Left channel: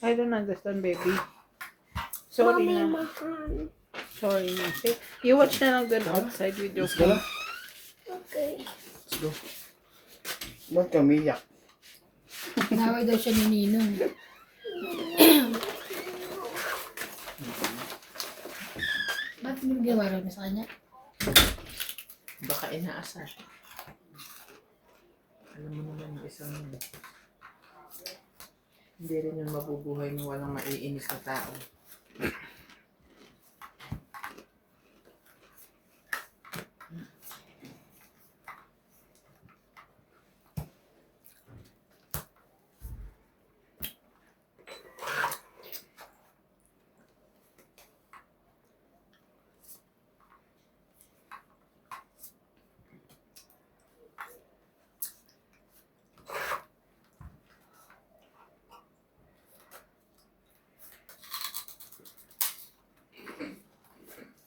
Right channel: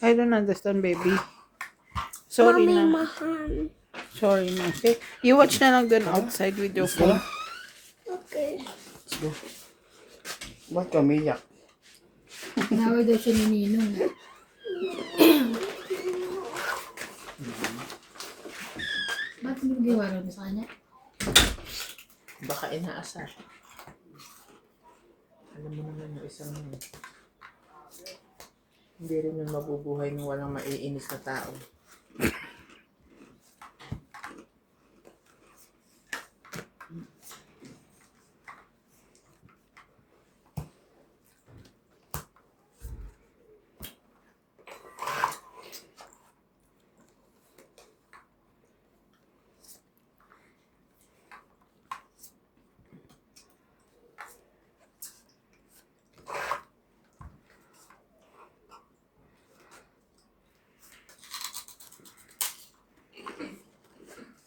I don't understand, baby. Sorry Mommy, na. mahal. Sorry na. Okay? You watch na lang dun outside with your Let's go phone. na. Okay. Let's go. Ba't ka umiyak? Naway daw siya ni Ninong. Ba't hindi ginawa mo sa kanya? Baka inaasar. Alam mo naman yung isang yun. Hindi rin yun mabubuhay nung walang maiinis na tao.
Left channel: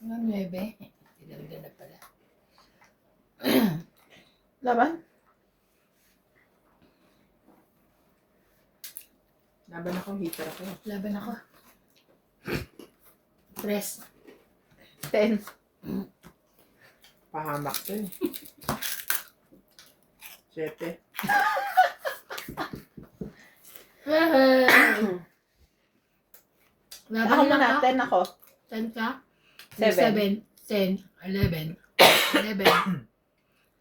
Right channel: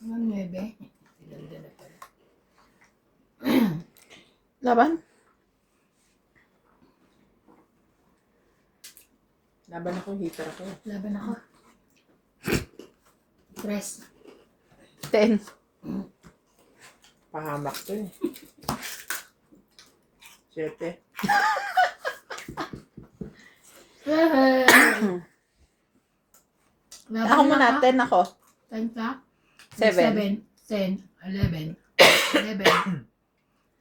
Ang 9. Tinanda na pala. Laban? Laban ako, heater ako. Laban ako. 3. 10. Pahamak to eh. 7. Laban Ako muna, ako. 10 ako. 10 ka? 7. 10, 11. 11.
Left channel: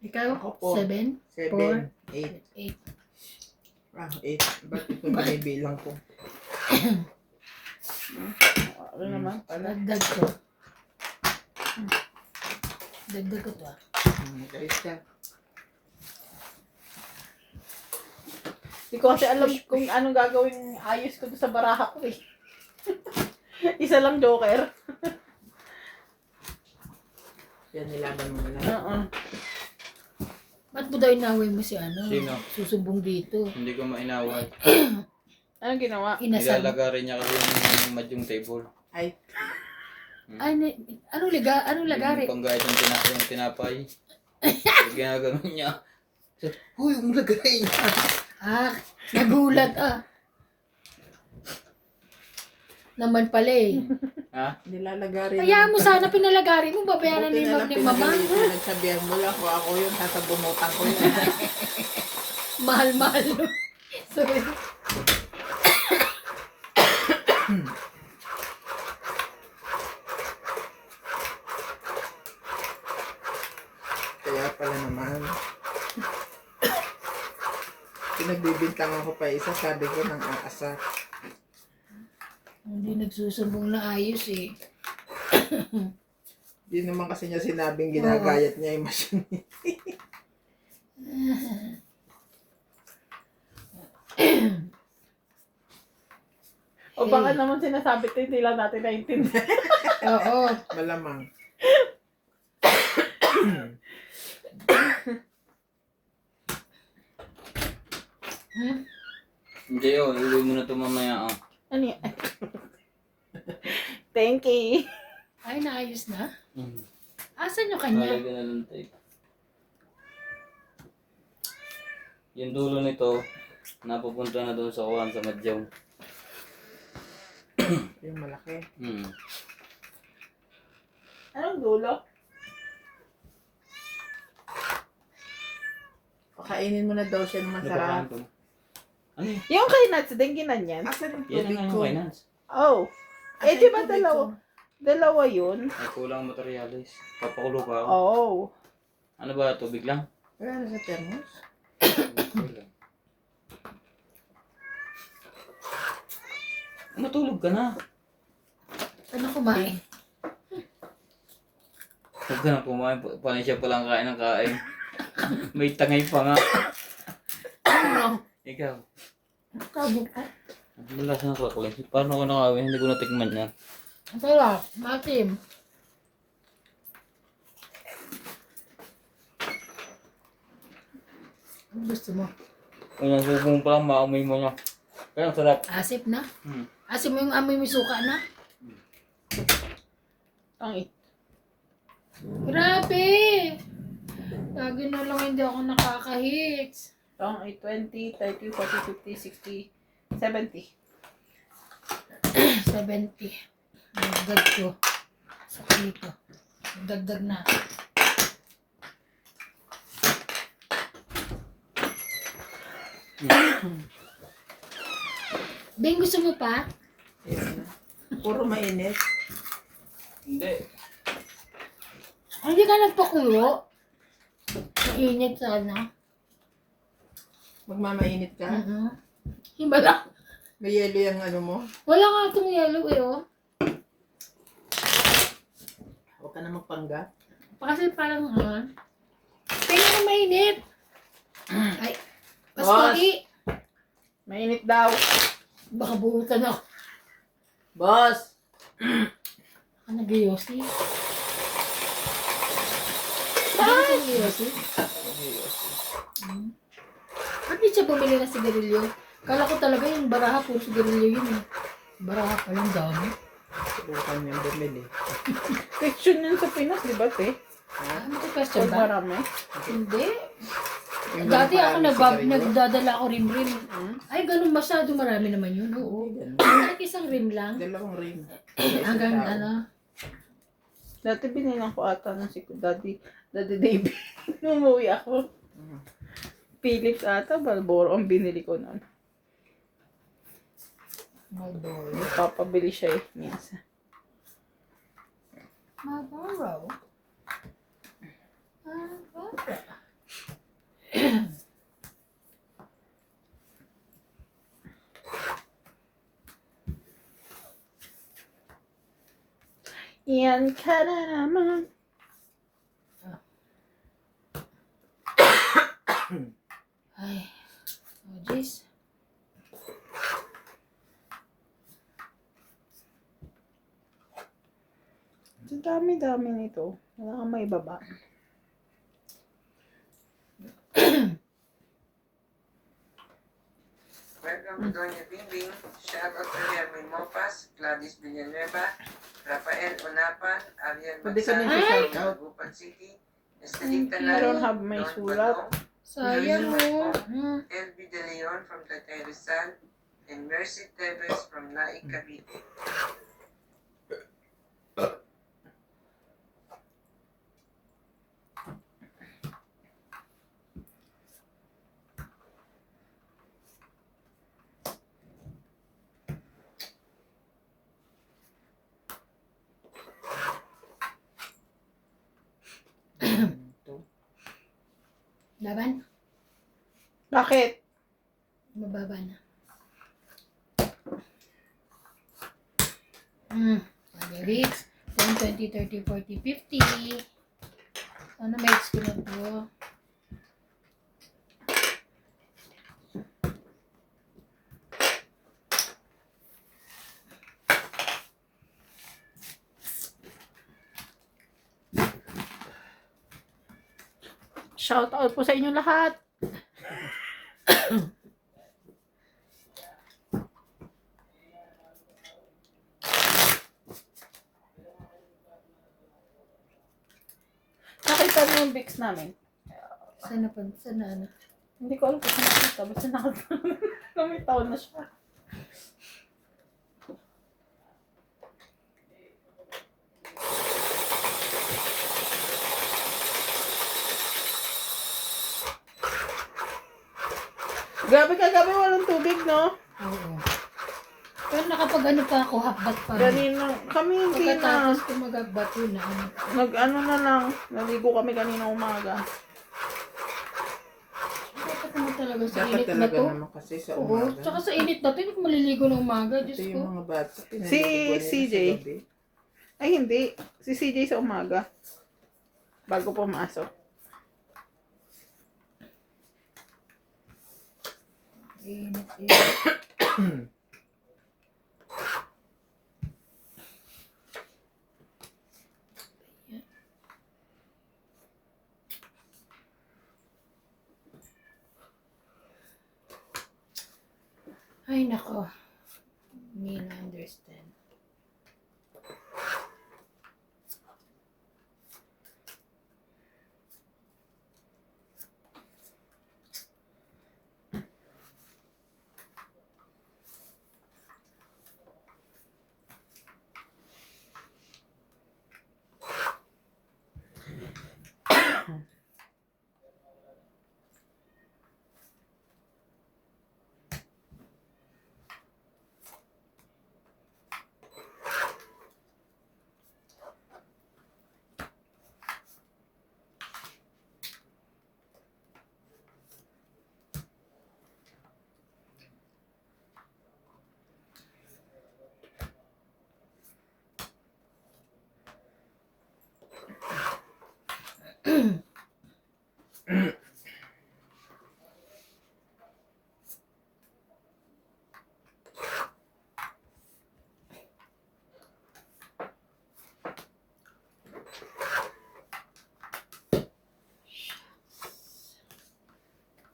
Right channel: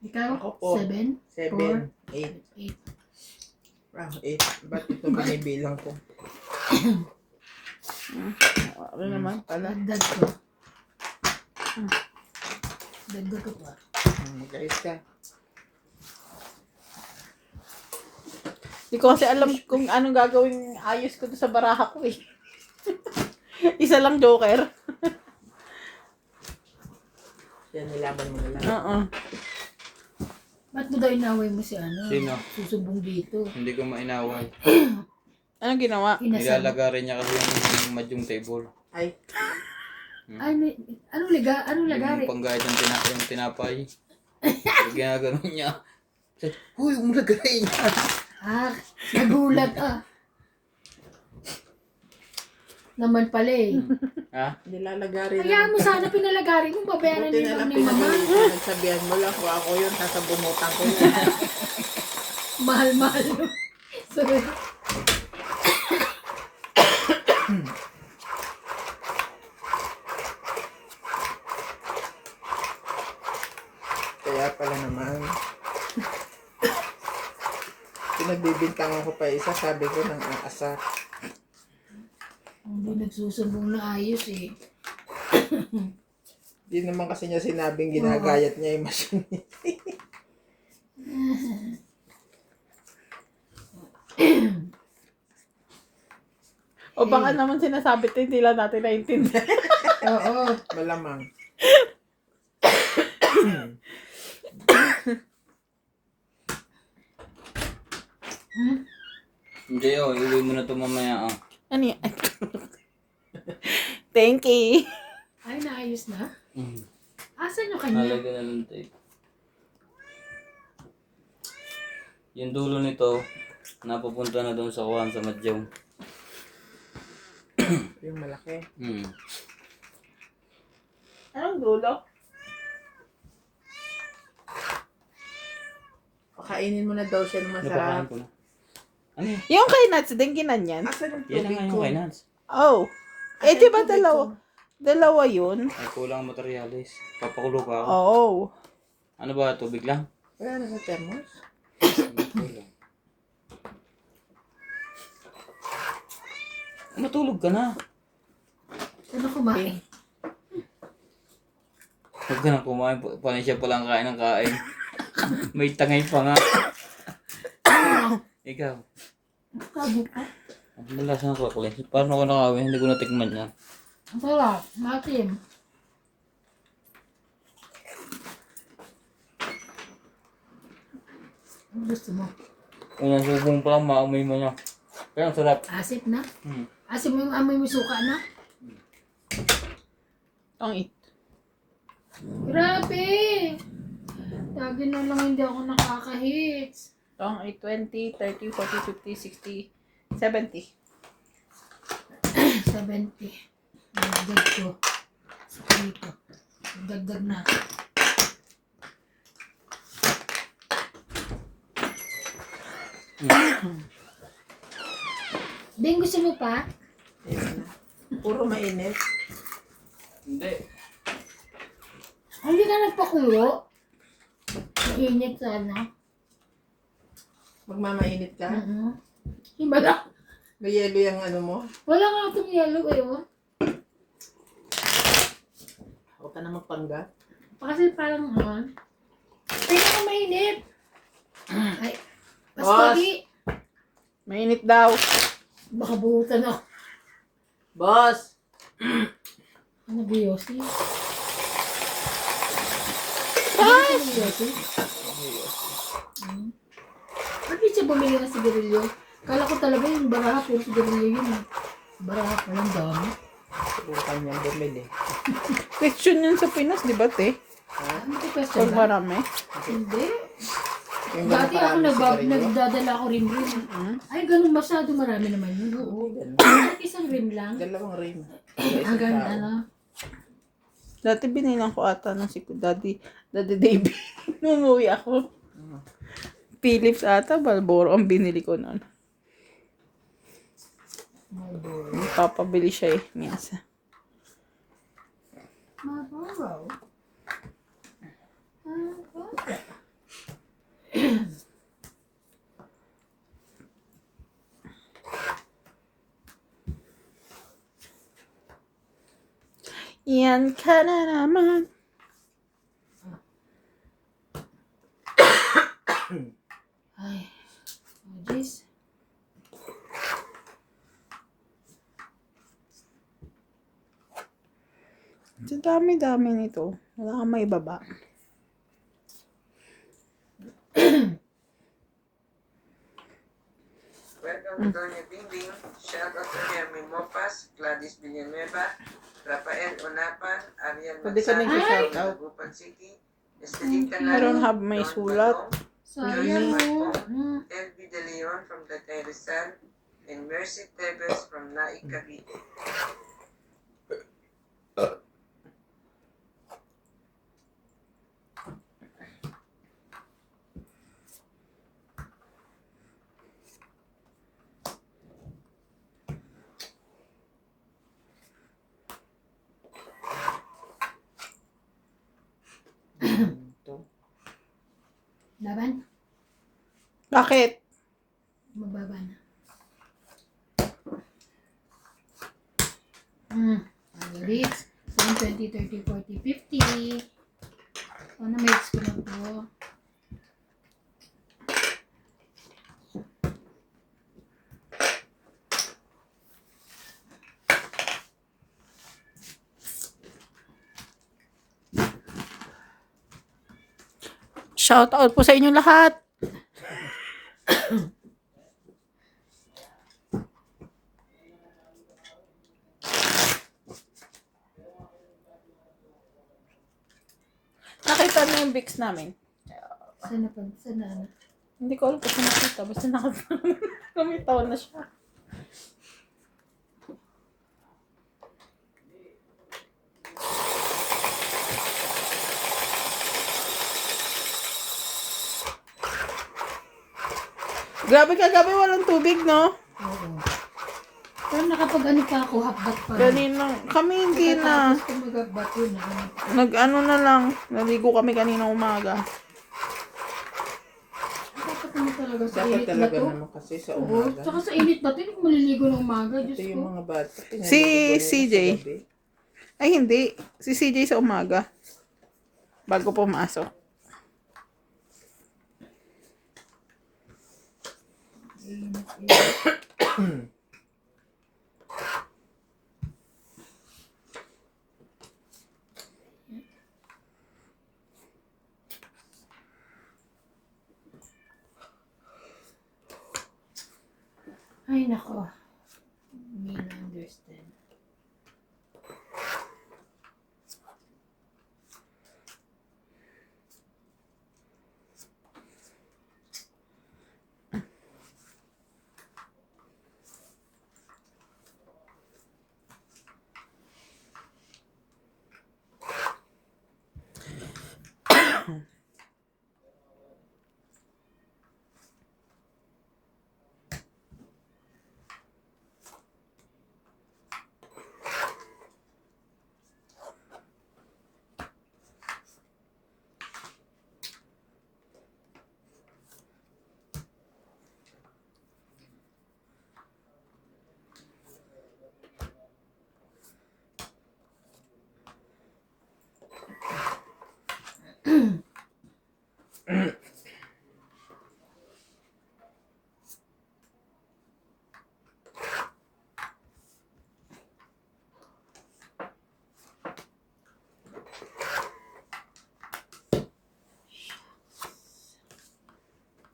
Ikaw? Ako po. 7, 7. 8. 8. Wow, 8. Ba't ito binibilang ko? Ano naman pala? Dagdag ko. Dagdag ko pa. Guys ka. Hindi ko kasi alam kung anong gagawing ayos ko sa baraha ko eh. Isa lang joker. Yan, nilaban mo na lang. Ba't mo daw inaway mo si ano? Sino? Susumbong dito. Hindi ko mainaway. Anong ginawa? Inasal. Nilalagarin niya kasi yung madyong table. Ay, Anong lagari? Yung panggayad yung tinapay. Ginaganon niya. Sabi, huy, huwag mo lagayin niya. Ah, nagulat ah. Naman pala eh. Ha? nilalagari Kaya mo sana pinalagari mo, babayaran Buti ni na lang Bob ni Mama. pinagsabihan mo lang kung ako yun, sasabunutan ko yun. Mahal-mahal. Sorry. Kaya pala naman. Pinagbibintangan ko pa isa, sabi ko nang aasar. Hindi nagsusumbong na ayos eh. Di naman kasi niya sinabing ginagayat niya yung machine. O baka naman sinasabi ito, hindi lang natin naintindihan. Oo. Malamang. Hindi, iuwi mo na ito mamaya. Ah. Ano yan? Thank you. Ay, naayos na? Mm. Asan yung kanya? Nalagyan na lang tape. Yung dulo nito, napupunta na doon sa kuhan sa Madyaw. Yung malaki. Hmm. Anong dulo? Pakainin mo na daw siya ng Napakain masarap. ko na. Ano yun? Yung kay Nuts, din yan. Asan yung Yan tubig ang ko? kay Nance. Oh. Eh, Asan di yung Ah, ba tubig dalawa? ko? Dalawa yun? Ay, kulang materialis. Papakulo pa ako. Oh. Ano ba, tubig lang? Wala na sa thermos? Matulog ka na. Ano kumain? Huwag ka na kumain. Paano siya palang kain ng kain? May tangay pa nga. Ikaw. Tabo ka. Ang malas ng kaklis. Paano ko nakawin? Hindi ko natikman yan. Ang sarap. Matim. Ano gusto mo? Unang subong pa lang, maamoy mo na. Kaya ang sarap. Asip na? Hmm. Asip mo yung amoy may suka na? Ang Grabe! Lagi na lang hindi ako nakaka-hits. Itong ay 20, 30, 40, 50, 60, 70. 70. Dagdag ko. Sa dito. Dagdag na. Bing, gusto mo pa? Ayun. Puro mainit. Hindi. Hindi ka nagpakulo. Init sana. Magmamainit ka. Iba lang. May yelo yung ano mo. Wala nga itong yellow eh, oh. Huwag ka na magpangga. Kasi parang, tingnan mainit. Ay, mas Boss! pagi. Mainit daw. Baka buhutan ako. Boss! Ano ba Yossi? Ay! Yossi? Bakit siya bumili ng sigarilyo? Kala ko talaga yung baraha puro sigarilyo yun eh. Baraha pa lang dami. Subukan niyang bumili. Section yan sa Pinas, di ba, te? Ano ito question Pag ba? marami. Hindi. Yung Dati ako ganun parami sigarilyo. nagdadala ako rim-rim. Ay, ganun masyado marami naman yun. Oo. Ganun. Kahit isang rim lang. Dalawang rim. Hanggang ano. Dati binilang ko ata ng si Daddy David. Nung umuwi ako. Philips ata, Balboro ang binili ko noon. Papabili siya eh, minsan. Marlboro. Yan ka na naman. Ay. Oh, jeez. Sa dami-dami nito. Wala kang may baba. Welcome to Doña Bingbing. Shoutout to Hermin Mopas, Gladys Villanueva, Rafael Onapan, Ariel Pwede ka nang Magsano, i-shout out. Magupan City, Estelita I don't have Nalo, my Don sulat. Badong, Sayang mo. LB De Leon from Tatay Rizal, and Mercy Tevez from Naik Cavite. Laban? Bakit? Mababa na. Lyrics. 10, 20, 30, 40, 50. Sana may ko na po. Shout out po sa inyo lahat. Nakita niyo yung Vicks namin. Sana pa? Sana ano? Hindi ko alam kung nakita. Basta nakita na siya. Grabe kagabi, walang tubig, no? Oo. Pero nakapag ano pa ako, hapbat pa. Kanina, kami hindi na. Pagkatapos ko mag-hapbat yun na. Nag-ano na lang. Naligo kami kanina umaga. Dapat naman talaga sa Dapat init na talaga to. naman kasi sa Oo. umaga. Tsaka sa init na to, hindi ko maliligo ng umaga. Ito Diyos yung ko. mga bata. Si Ano CJ. Ay, hindi. Si CJ sa umaga. Bago pumasok. Init, init. Ay, nako. Hindi na understand.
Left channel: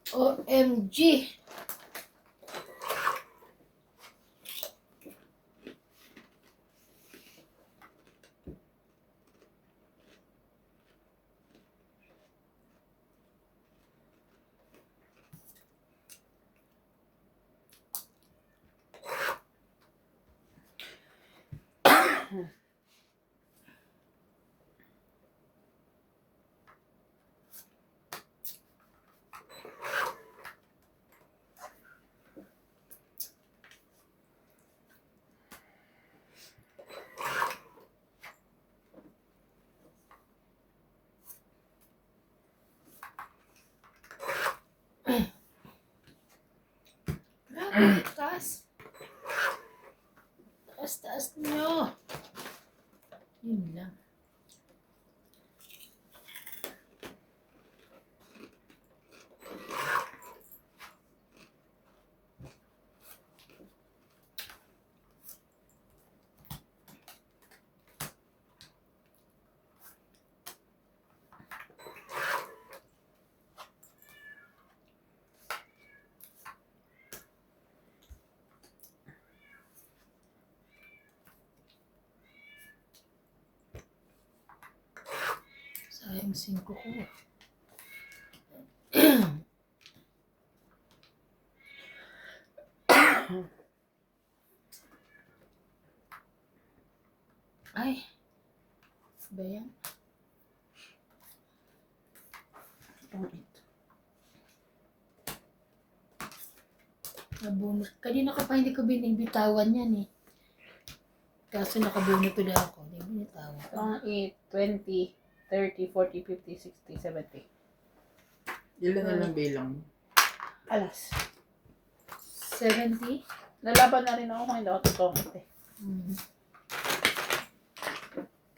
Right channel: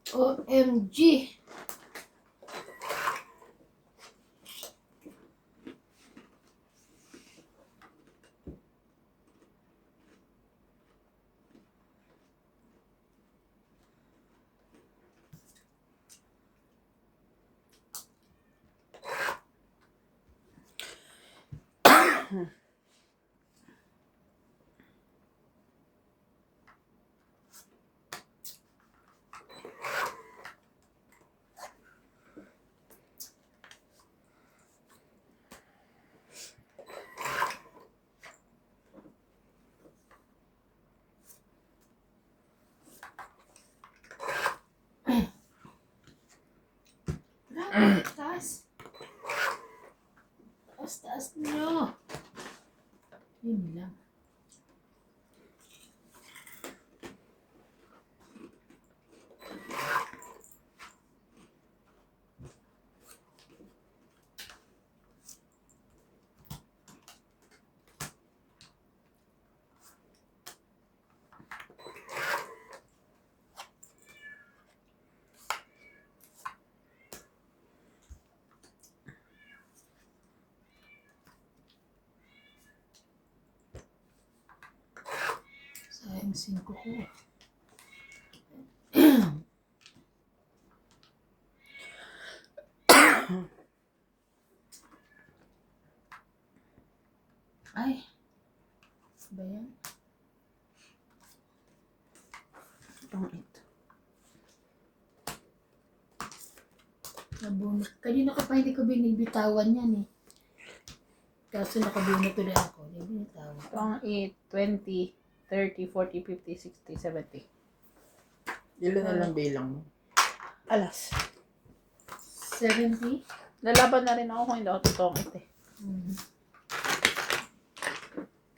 OMG. Taas. Taas nyo. Yun lang. Sayang 5 ko. Ay. Ba yan? Pangit. Nabunot. Kanina ka pa hindi ko binibitawan yan eh. Kaso nakabunot ulit ako. Hindi binitawan. Pang-8, 20, 30, 40, 50, 60, 70. Ilan na lang bilang mo? Alas. 70? Lalaban na rin ako kung hindi ako tutungkit eh.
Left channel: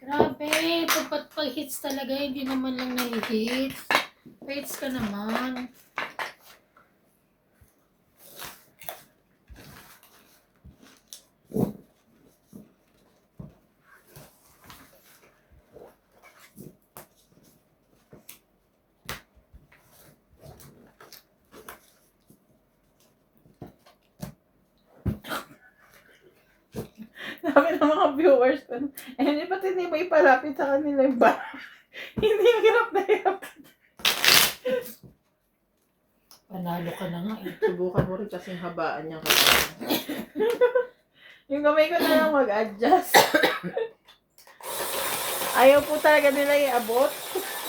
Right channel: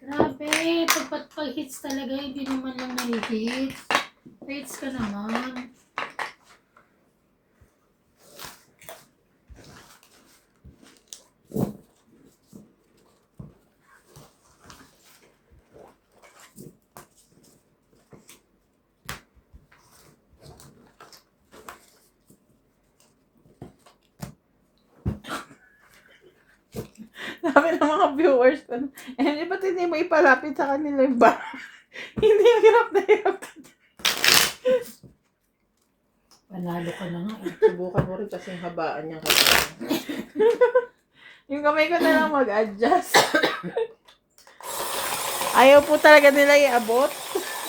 Grabe, pag-hits talaga, hindi naman lang nilihit. Pa-hits ka naman. Sabi ng mga viewers ko, hindi ba't hindi mo ipalapit sa kanila yung bar? Hindi hirap na hirap. Panalo ka na nga eh. Subukan mo rin kasi yung habaan niya kasi. Yung kamay ko na lang mag-adjust. Ayaw po talaga nila iabot.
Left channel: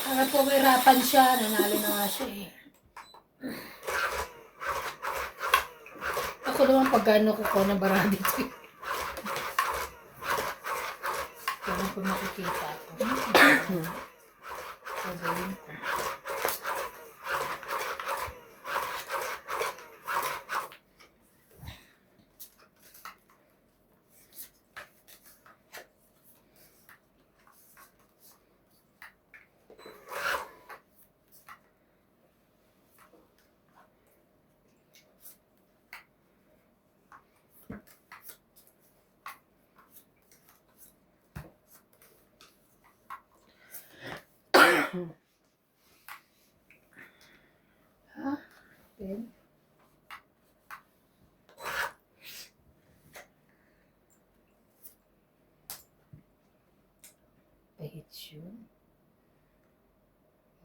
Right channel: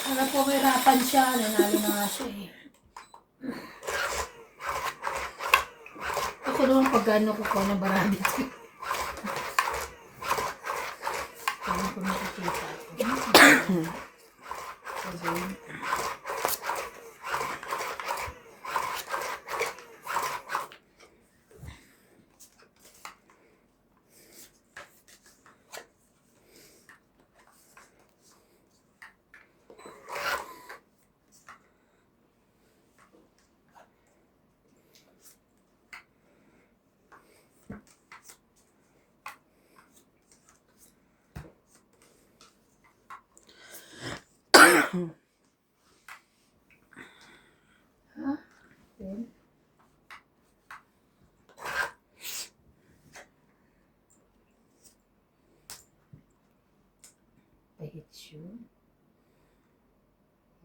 Harap ko kahirapan siya, nanalo na nga siya eh. Ako naman pag gano'n ko ng barami ko. Kaya ko nakikita ako. Sabihin ko. Ha? Ben? Pahit yun.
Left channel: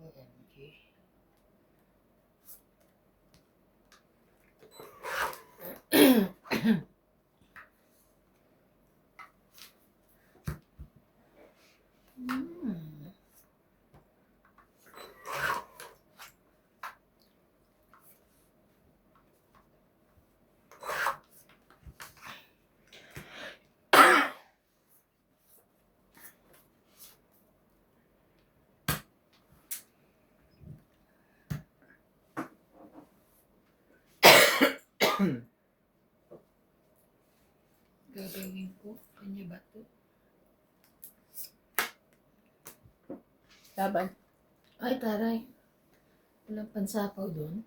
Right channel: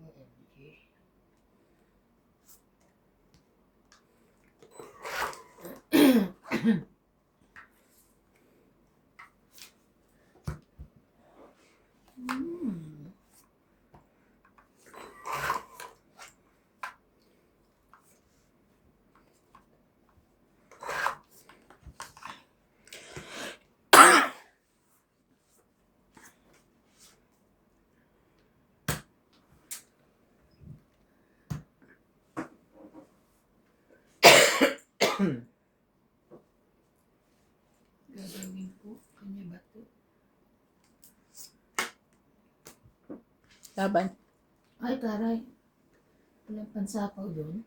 OMG. Gagawin ko. Kanya ba to? Laban. Ay, taray. Walang pansapaw doon.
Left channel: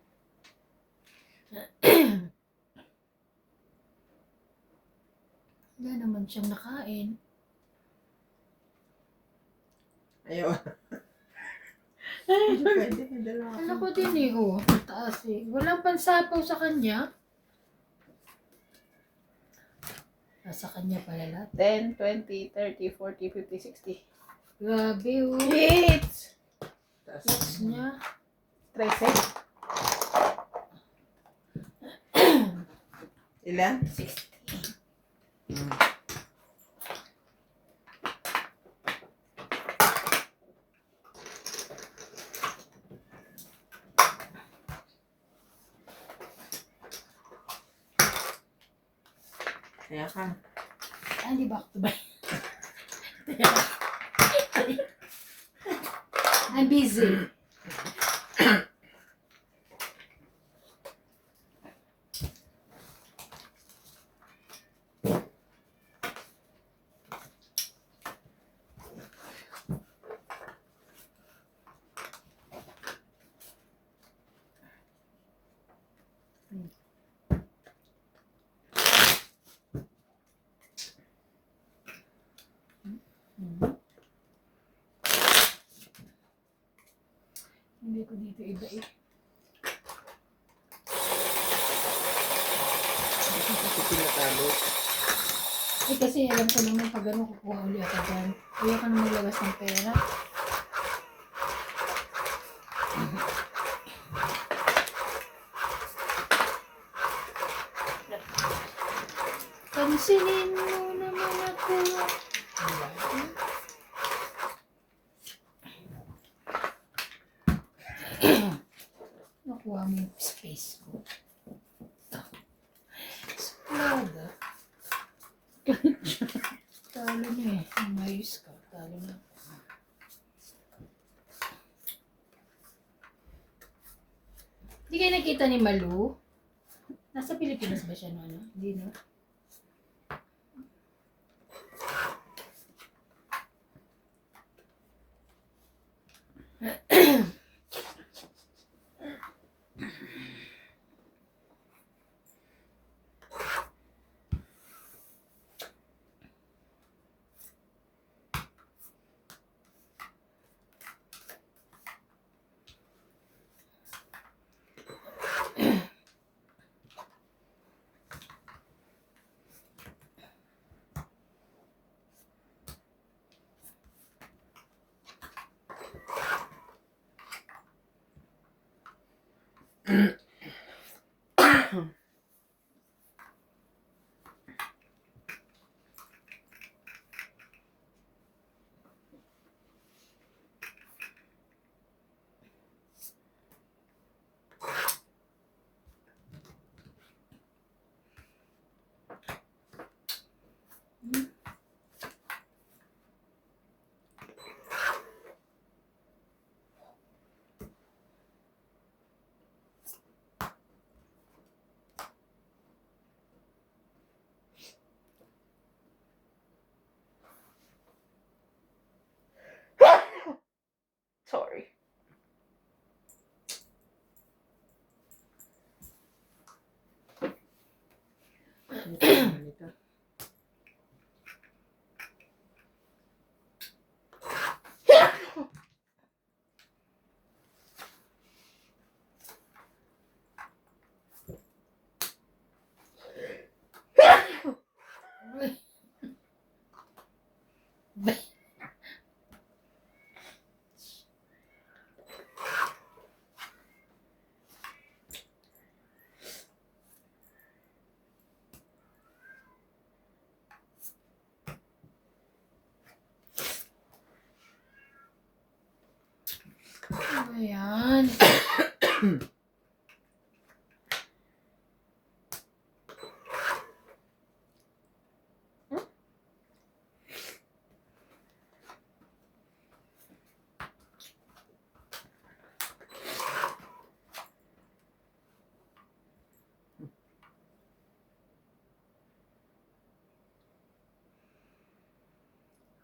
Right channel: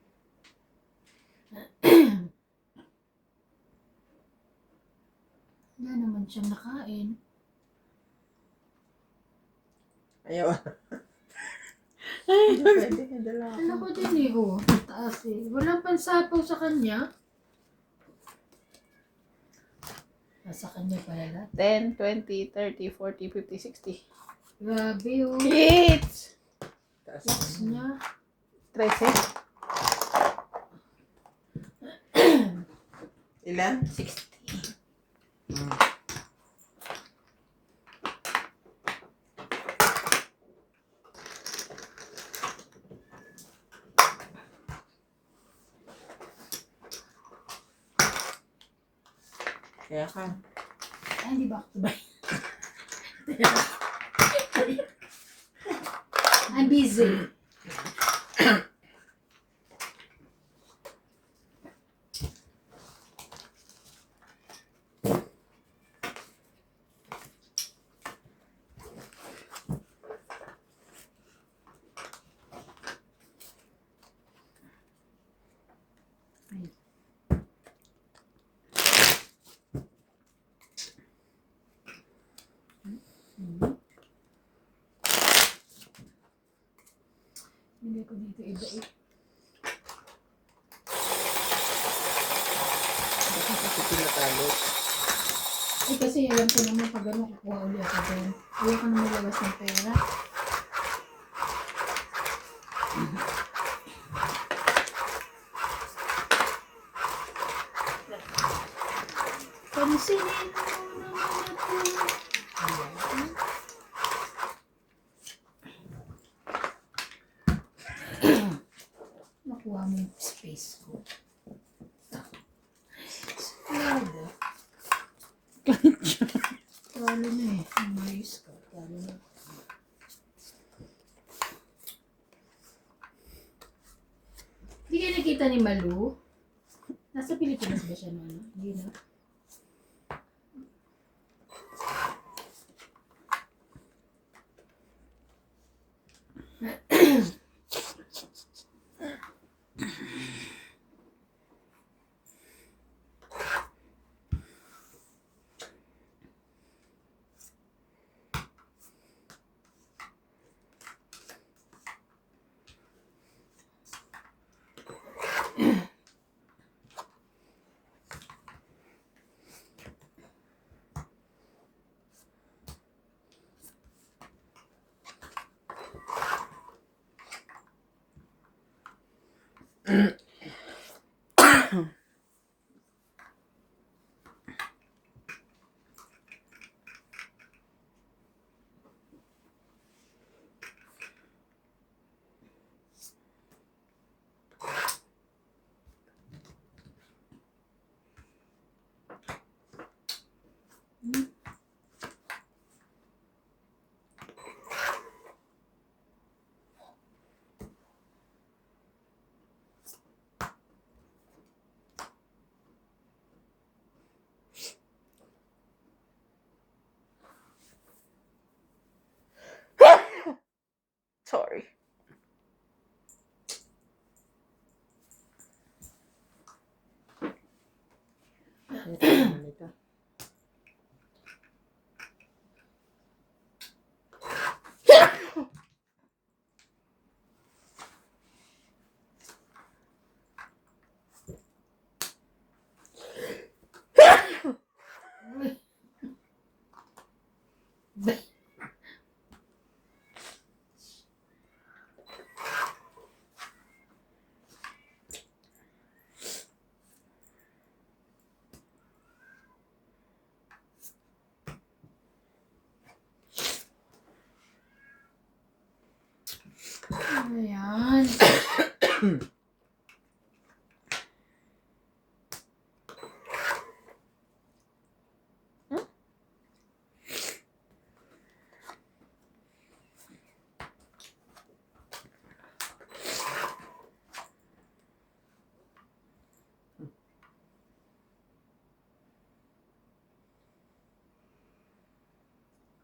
Wala naman siyang nakain. Ayaw. Ay, pwede. Dala ako. Ano ko din eh, oh. Taas eh. Walang pansapaw sa kanya. Nasa kanya pala lahat. 10, 20, 30, 40, 50, 60. Grabe oh. Hits! Taas. Yes niya. 13. Ilan? 60. Kaya ka. Ay, di ba ako ba? I'm busy. Hindi ko dito iba eh. Kasi pinatalo. Eh kasi alam ko naman pag ano kukuha ulit ako dyan. Ayaw ka naman labas ng pera. Pansinin mo naman ako. Ayan. Nakuha mo yung space ko. Spada. Talo na eh. Umayos ka. Talo na. Hindi kayo nakita ni Malu? Nasa Pilipinas ba siya na ano? Hindi na. Sorry. Ayan.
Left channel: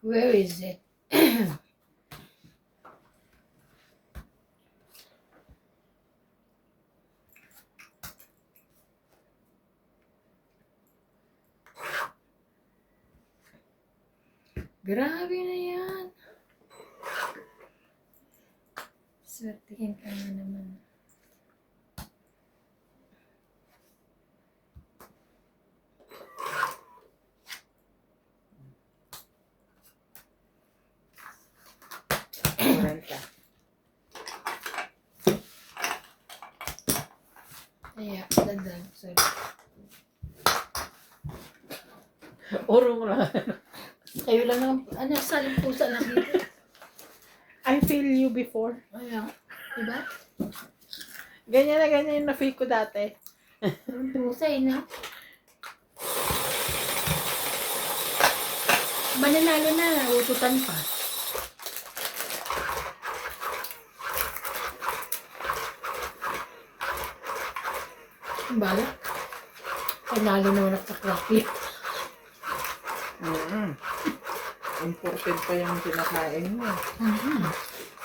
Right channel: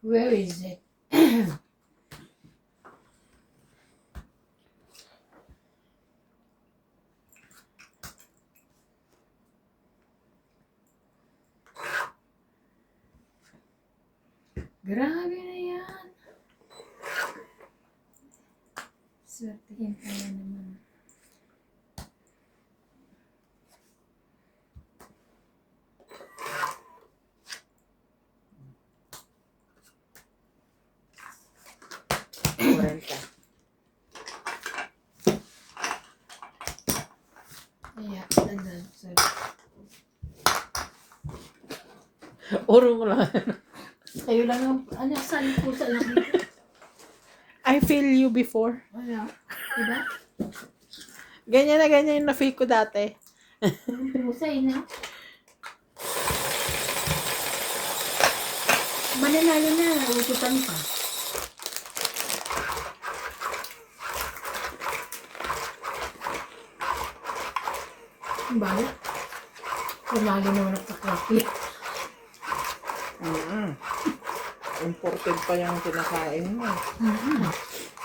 Where is it? Grabe na yan. Swertihin ka na naman. Kurenta. Kaya, dandan. Sorry. Uro mo lang. Kayo lang ang, ano, saan pusa lang dito? I feel you before. Ano? Diba? Ganyan na ganyan yung na-feel ko dati. Ang pusa, na. Mananalo na, ututan pa. Ang bala. Panalo na nagpakrapi. Imported pa yung kinakain mo.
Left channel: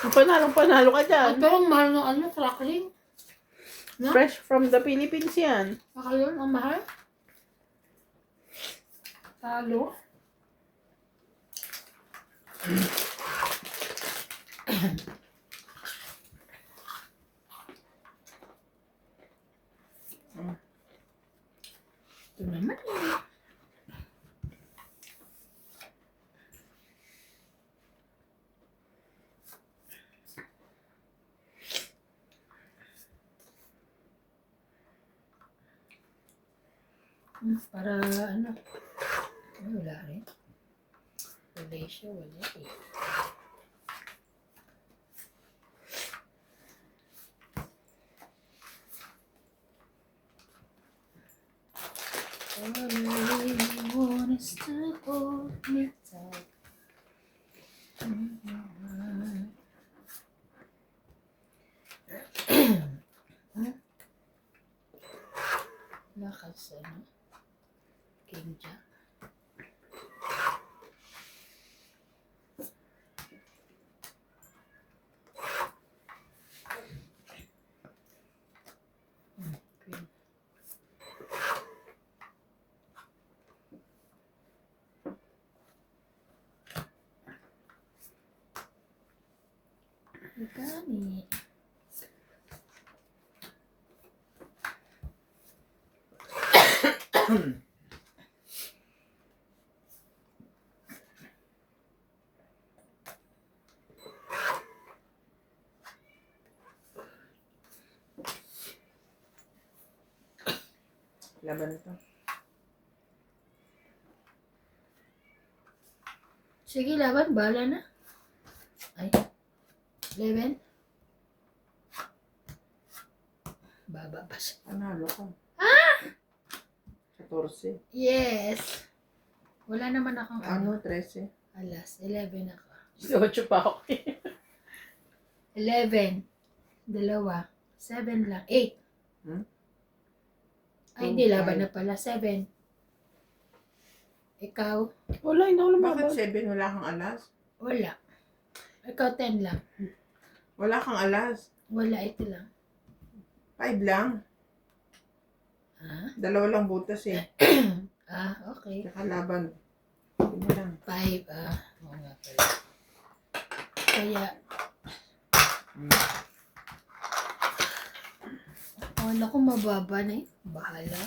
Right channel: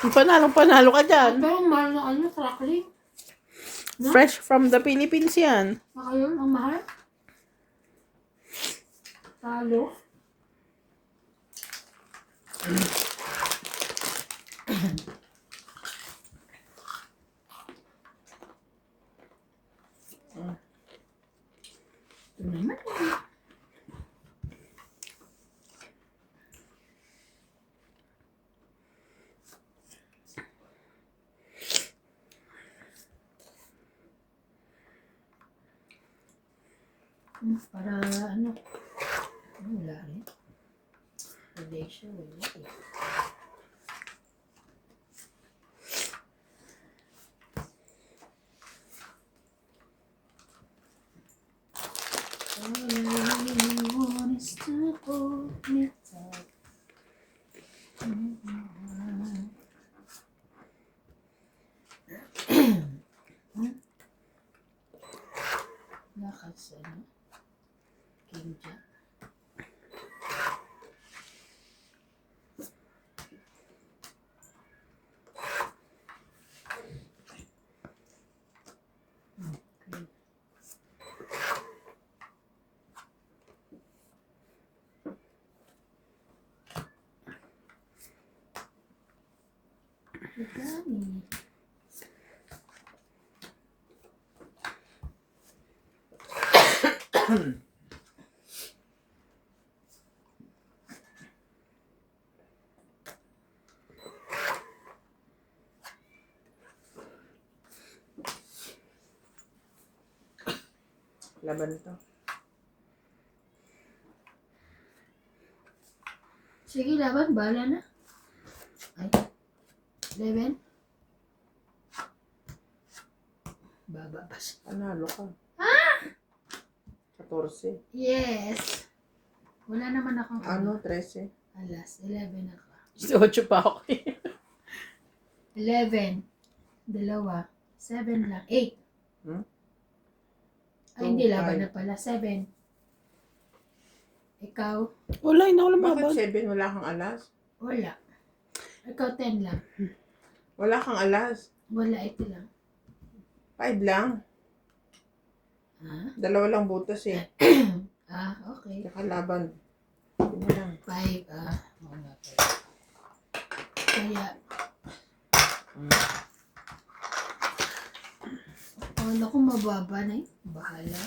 Yung panalo ka dyan. Pero ang mahal ng ano, crackling. No? Fresh from the Philippines yan. Baka yun, ang mahal. Talo. Ito naman eh. Para ano? Ay, wala rin. Malaysia, wala eh. All I really want is to hold me tight. Lakas ano? King Jack. Queen. Gani. Laban to. Sige, laban. Bahala na. Ay. 11. Baba pa siya. Panalo ka. 14. Yes. Wala naman akong Ano? 13. Alas, 11 ako. 18 pa ako. 11. Dalawa. 7 lang. 8. Hmm? Ay, hindi. Two, Laban five. na pala. 7. Ikaw? Wala, hindi ako Bakit lumabas. 7? Wala kang alas? Wala. Ikaw 10 lang. Wala kang alas? Wala, 8 lang. 5 lang. Ah? Dalawa lang butas eh. Ah, okay. Nakalaban. Yun na lang. 5. Ah, oo nga pala. Kaya, naku, mababa na eh. Bahala.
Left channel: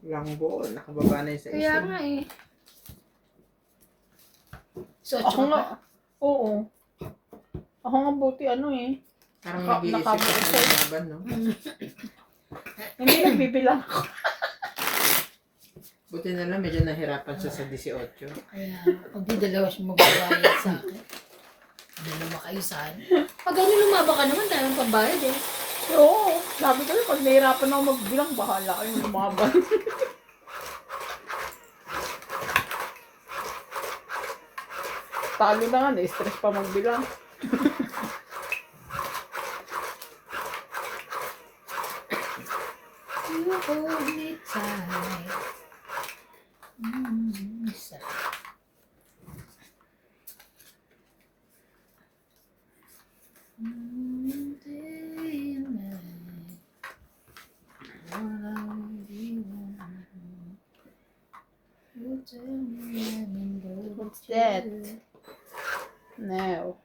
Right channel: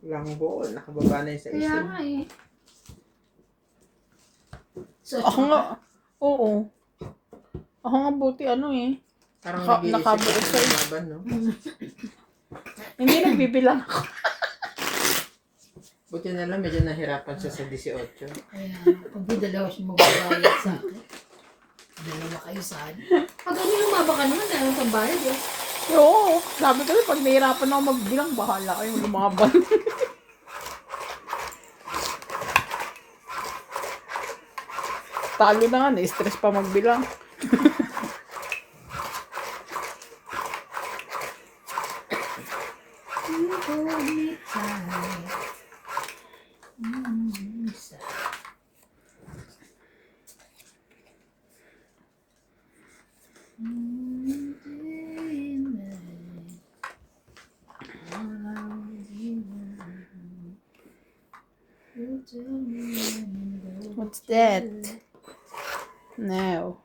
Walang buo. Nakababa na yung sa Kaya isa. nga eh. So, Ako nga. Oo. Ako nga buti ano eh. Parang Naka- nag-iisip ka nakabuo ng sa'yo. laban, no? Hindi nagbibilang ako. Buti na lang, medyo nahirapan siya sa 18. kaya, pag di dalawa siya magbabayad sa akin. Dalawa kayo saan. Pag ano lumaba ka naman, dahil pambayad eh. Oo. Sabi ko rin, pag nahirapan ako magbilang, bahala kayong lumaban. Talo na nga, na-stress pa magbilang. You hold me tight. Isa. Day and night. All I really want. You tell me I'm in love What's with that? you. No.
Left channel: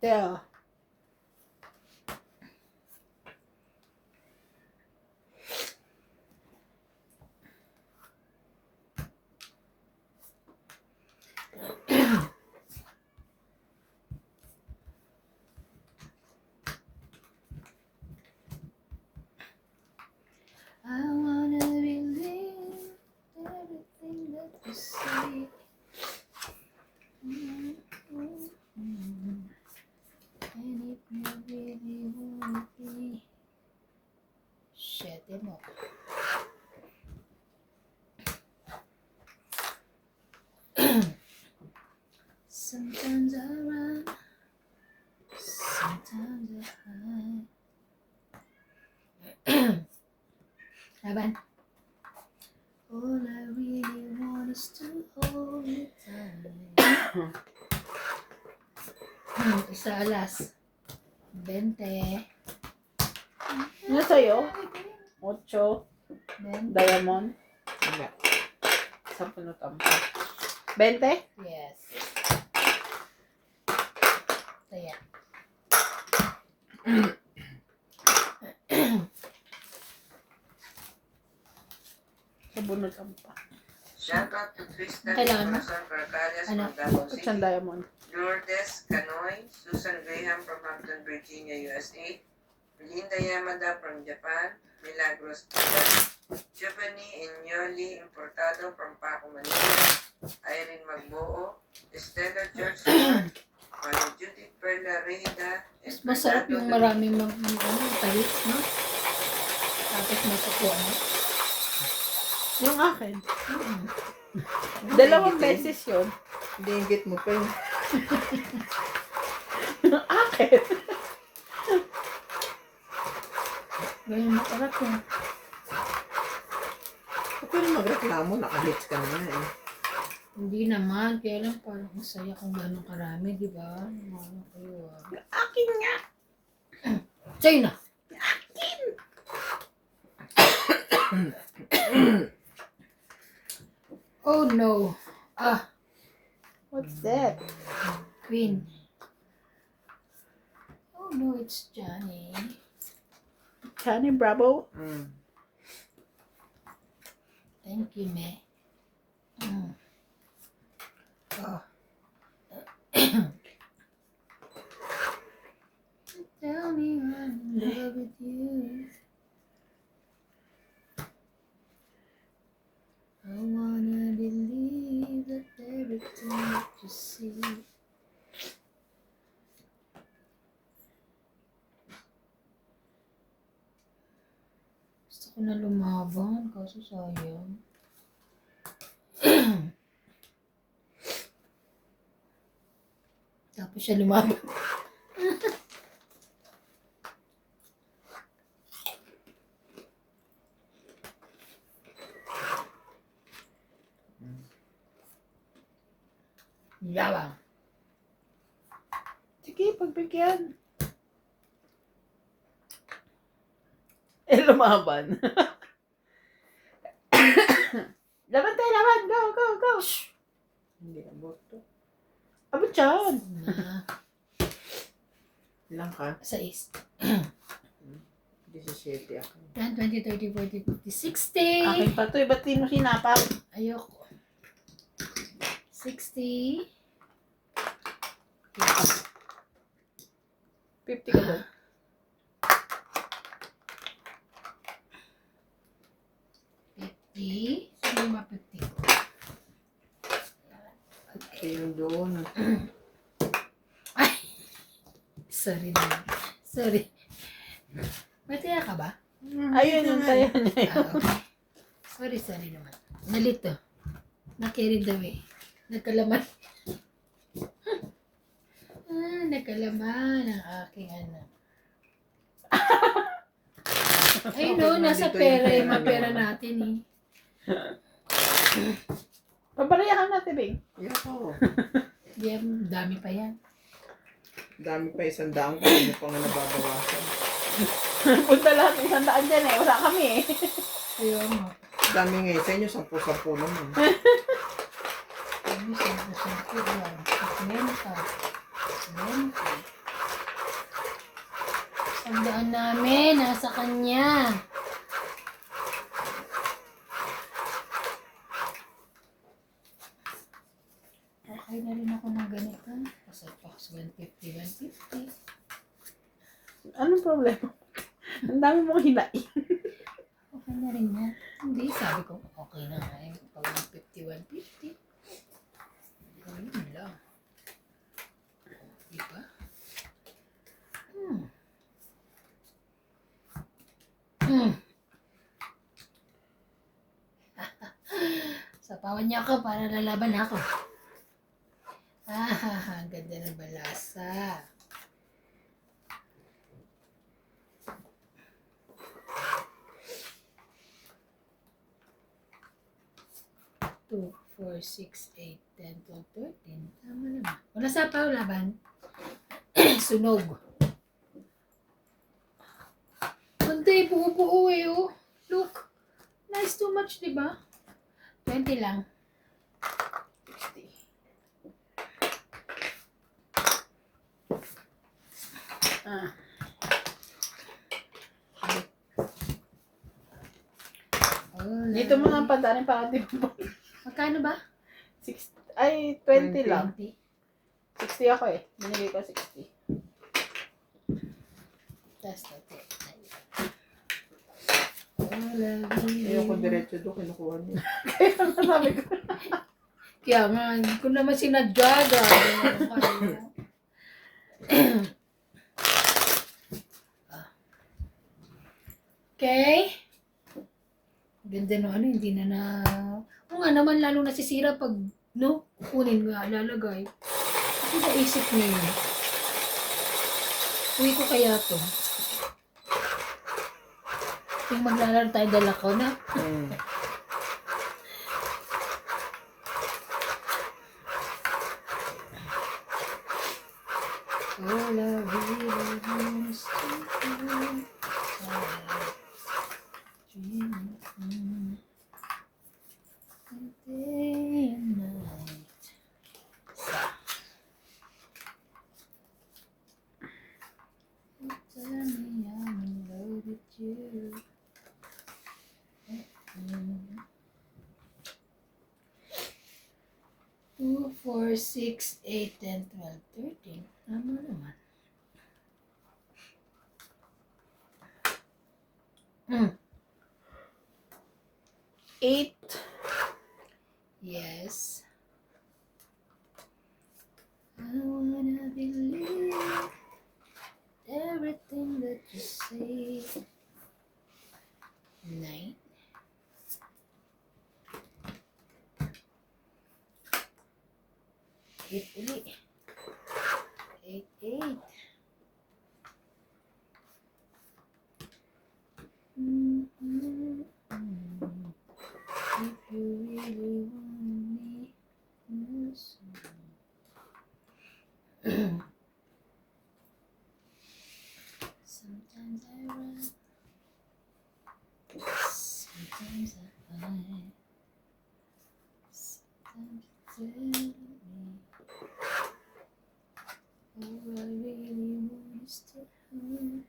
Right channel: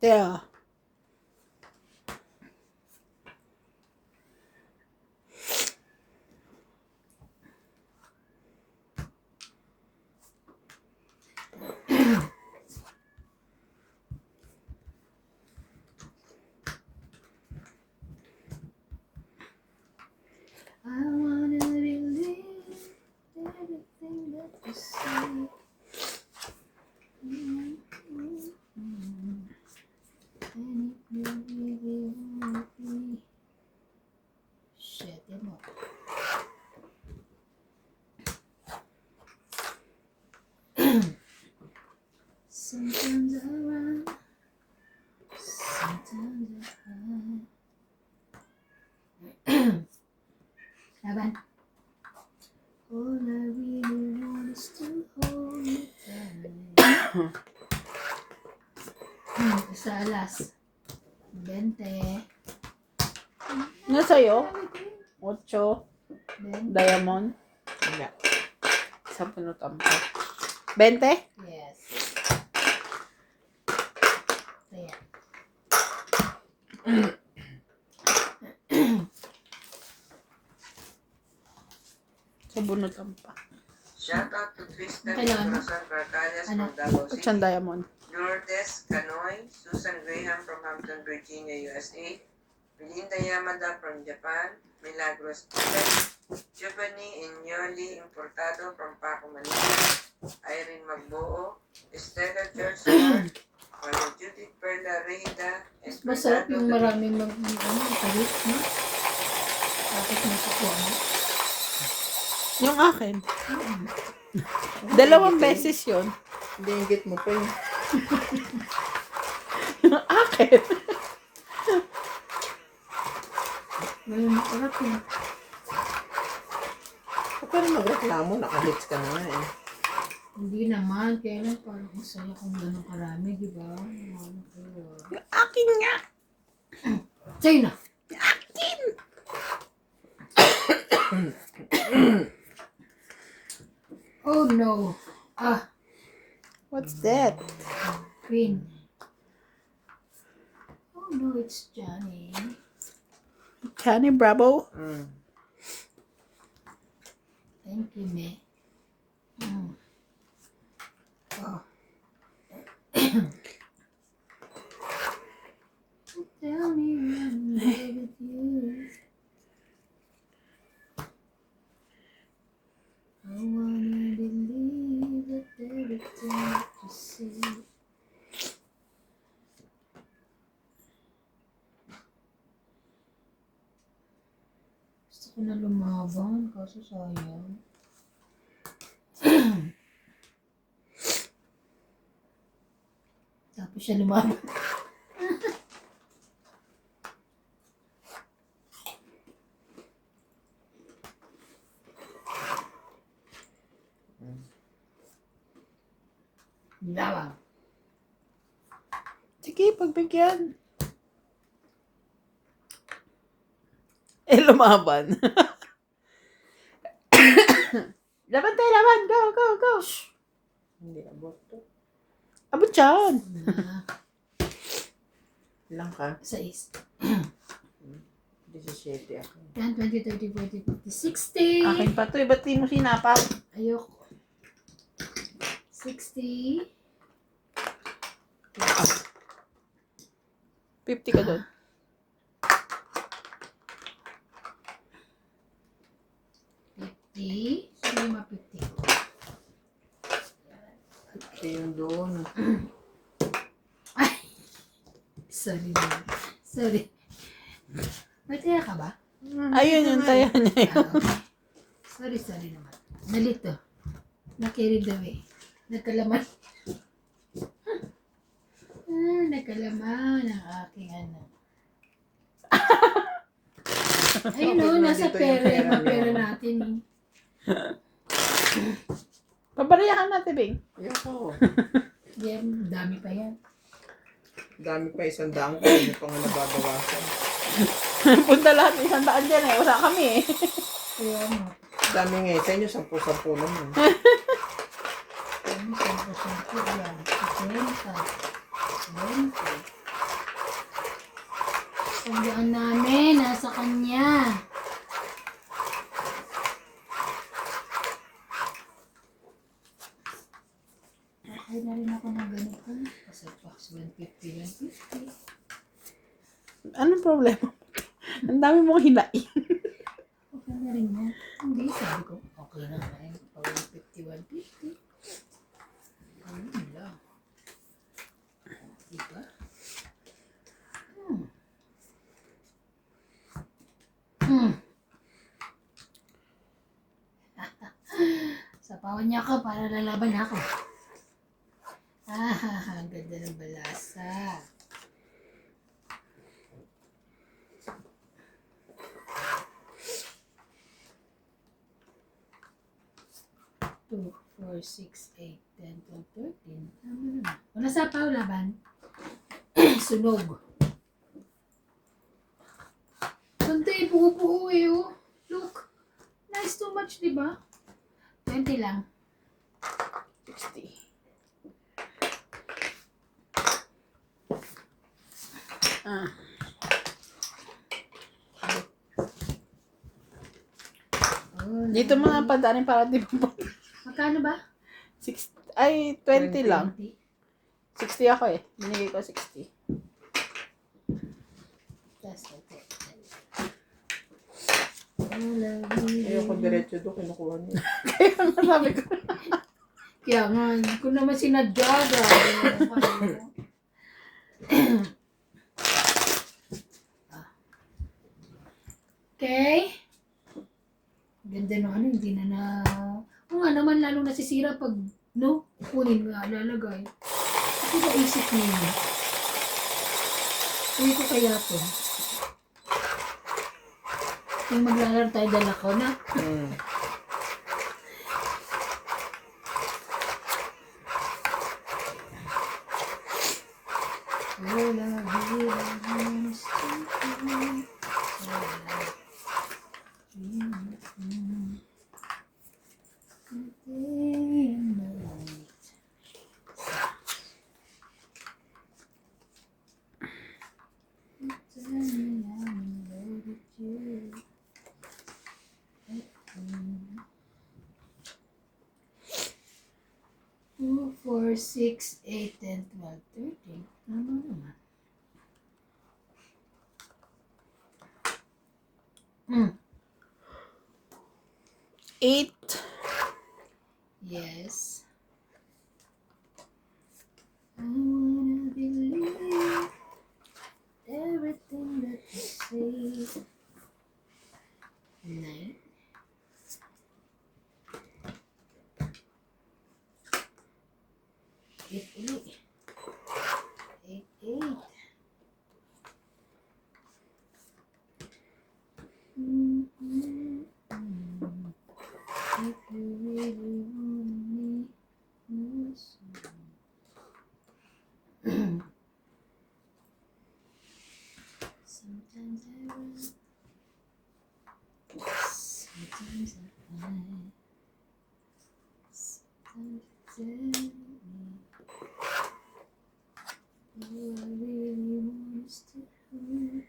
There. I wanna believe everything that you say. And if you really want me, shut them up. Sometimes I run, sometimes I hide. Laban. All I really want is to hold you tight. Isa alas. 20. Ano sa'yo? 8. 20. Diamond. Wala. Sa pinutam ko. 20? Yes. Kaya. Sabunutan pa. Shoutout to Tristan Kailangan mo? Corazon Barcalias Ano? from Davao 8 City. diamond. Lourdes Canoy, Susan Graham from Hampton, Virginia, USA. Belinda Yamada from Japan. Milagros Pilar. Giovanni Inyoli Importado from Paco, Manila. Irene Magbuo. Estela George Ward. Maria Judith Perla Reyda. And Masarap yung Fernando maraming talit, no? Tapos matutuwa mo. Yung akin. Dalawang beses yun. Dinggit mo pa yun. Yung akin. May masarap yun. Pero magreklamo, nakahits ka na nga eh. Hindi naman, kaya lang parang masaya kung gano'ng karami, di ba? Ano kayo, ah. Yung akin nga. China! Oh no! Ah, What's that? Queen. Oh no, it's Johnny. Johnny Bravo? Thank you, me. Oh. Tell me I'm in love with you. I wanna believe that everything that you see. Gusto ko na lumaban, kaso sayang. Tapos siya lumaban. Yabang. Sige, pagbigyan. Lumaban. Laban tayo, laban. Go, go, go. Hindi abot to. Abot siyan. Ilang ka? 6. 17 ako. 10, 20, 30, 40, 50, 60. Akin pa to. Ba't di mo sinapap? Ayoko. 60. 50 ka doon. 50. Sino yung mga 50? Kasi yung doon. Sorry naman. Sorry. May tira ka ba? Ayun yung tayo niya. Okay. Sorry naman. Nalito. Na-carried away. Nagkalaman. Nagkalaman ang aking ano. Ay no, Okay, nasa nandito yung pera pera yung mga pera niyo. natin eh. Pabarayahan natin, Bing. Ayoko. Yan, dami pa yan. Dami pa 100 ko. Hindi pa nga nababawasan. Punta lahat 100 dyan eh. Wala kami eh. Kaya mo. Dami nga sa inyo. 10-10 naman. Dami pa yan. 50, 20. Tandaan namin, nasa kanya. Okay na rin ako ng ganito. Kasi box 150, 150. Anong problema? Ang dami mong hinain. Okay na rin yan. Hindi, sabi ko, okay na nga yun. Pag 150, 150. Ayun lang. Diba? Sapawan niya ako para lalaban ako. Ang ganda ng balasa. Two, 4, 6, 8, 10, 12, 13. Tama naman. Wala sapaw laban. Sunog. Bantay, buo-buo eh, oh. Look. Nice too much, di ba? 20 lang. 60. Ah. Oh, Dito mga padanin para di ba? magkano ba? 6, ay, 20 lang. 20. 60 ako eh. Binigay ko 60. That's okay. Ayoko diretso doon. Kinukuha niyo. Kaya nga sabi ko. Kaya nga, kung naman sinadya, grabe. Okay. Ganda no, ano, hindi na Oo nga naman, lalo nasisira pag, no, kunin nga, lalagay. Kasi naisip niya yun. Uwi ko kaya to. Yung maglalaro tayo, dala ko na. Two, 4, 6, 8, 10, 12, 13. Tama naman. Hmm. 8. Yes. I wanna believe everything that you say. 9. Eight uli. 8, 8. If you really want me, sometimes I run, sometimes I find, sometimes you tell me, all I really want is to hurt.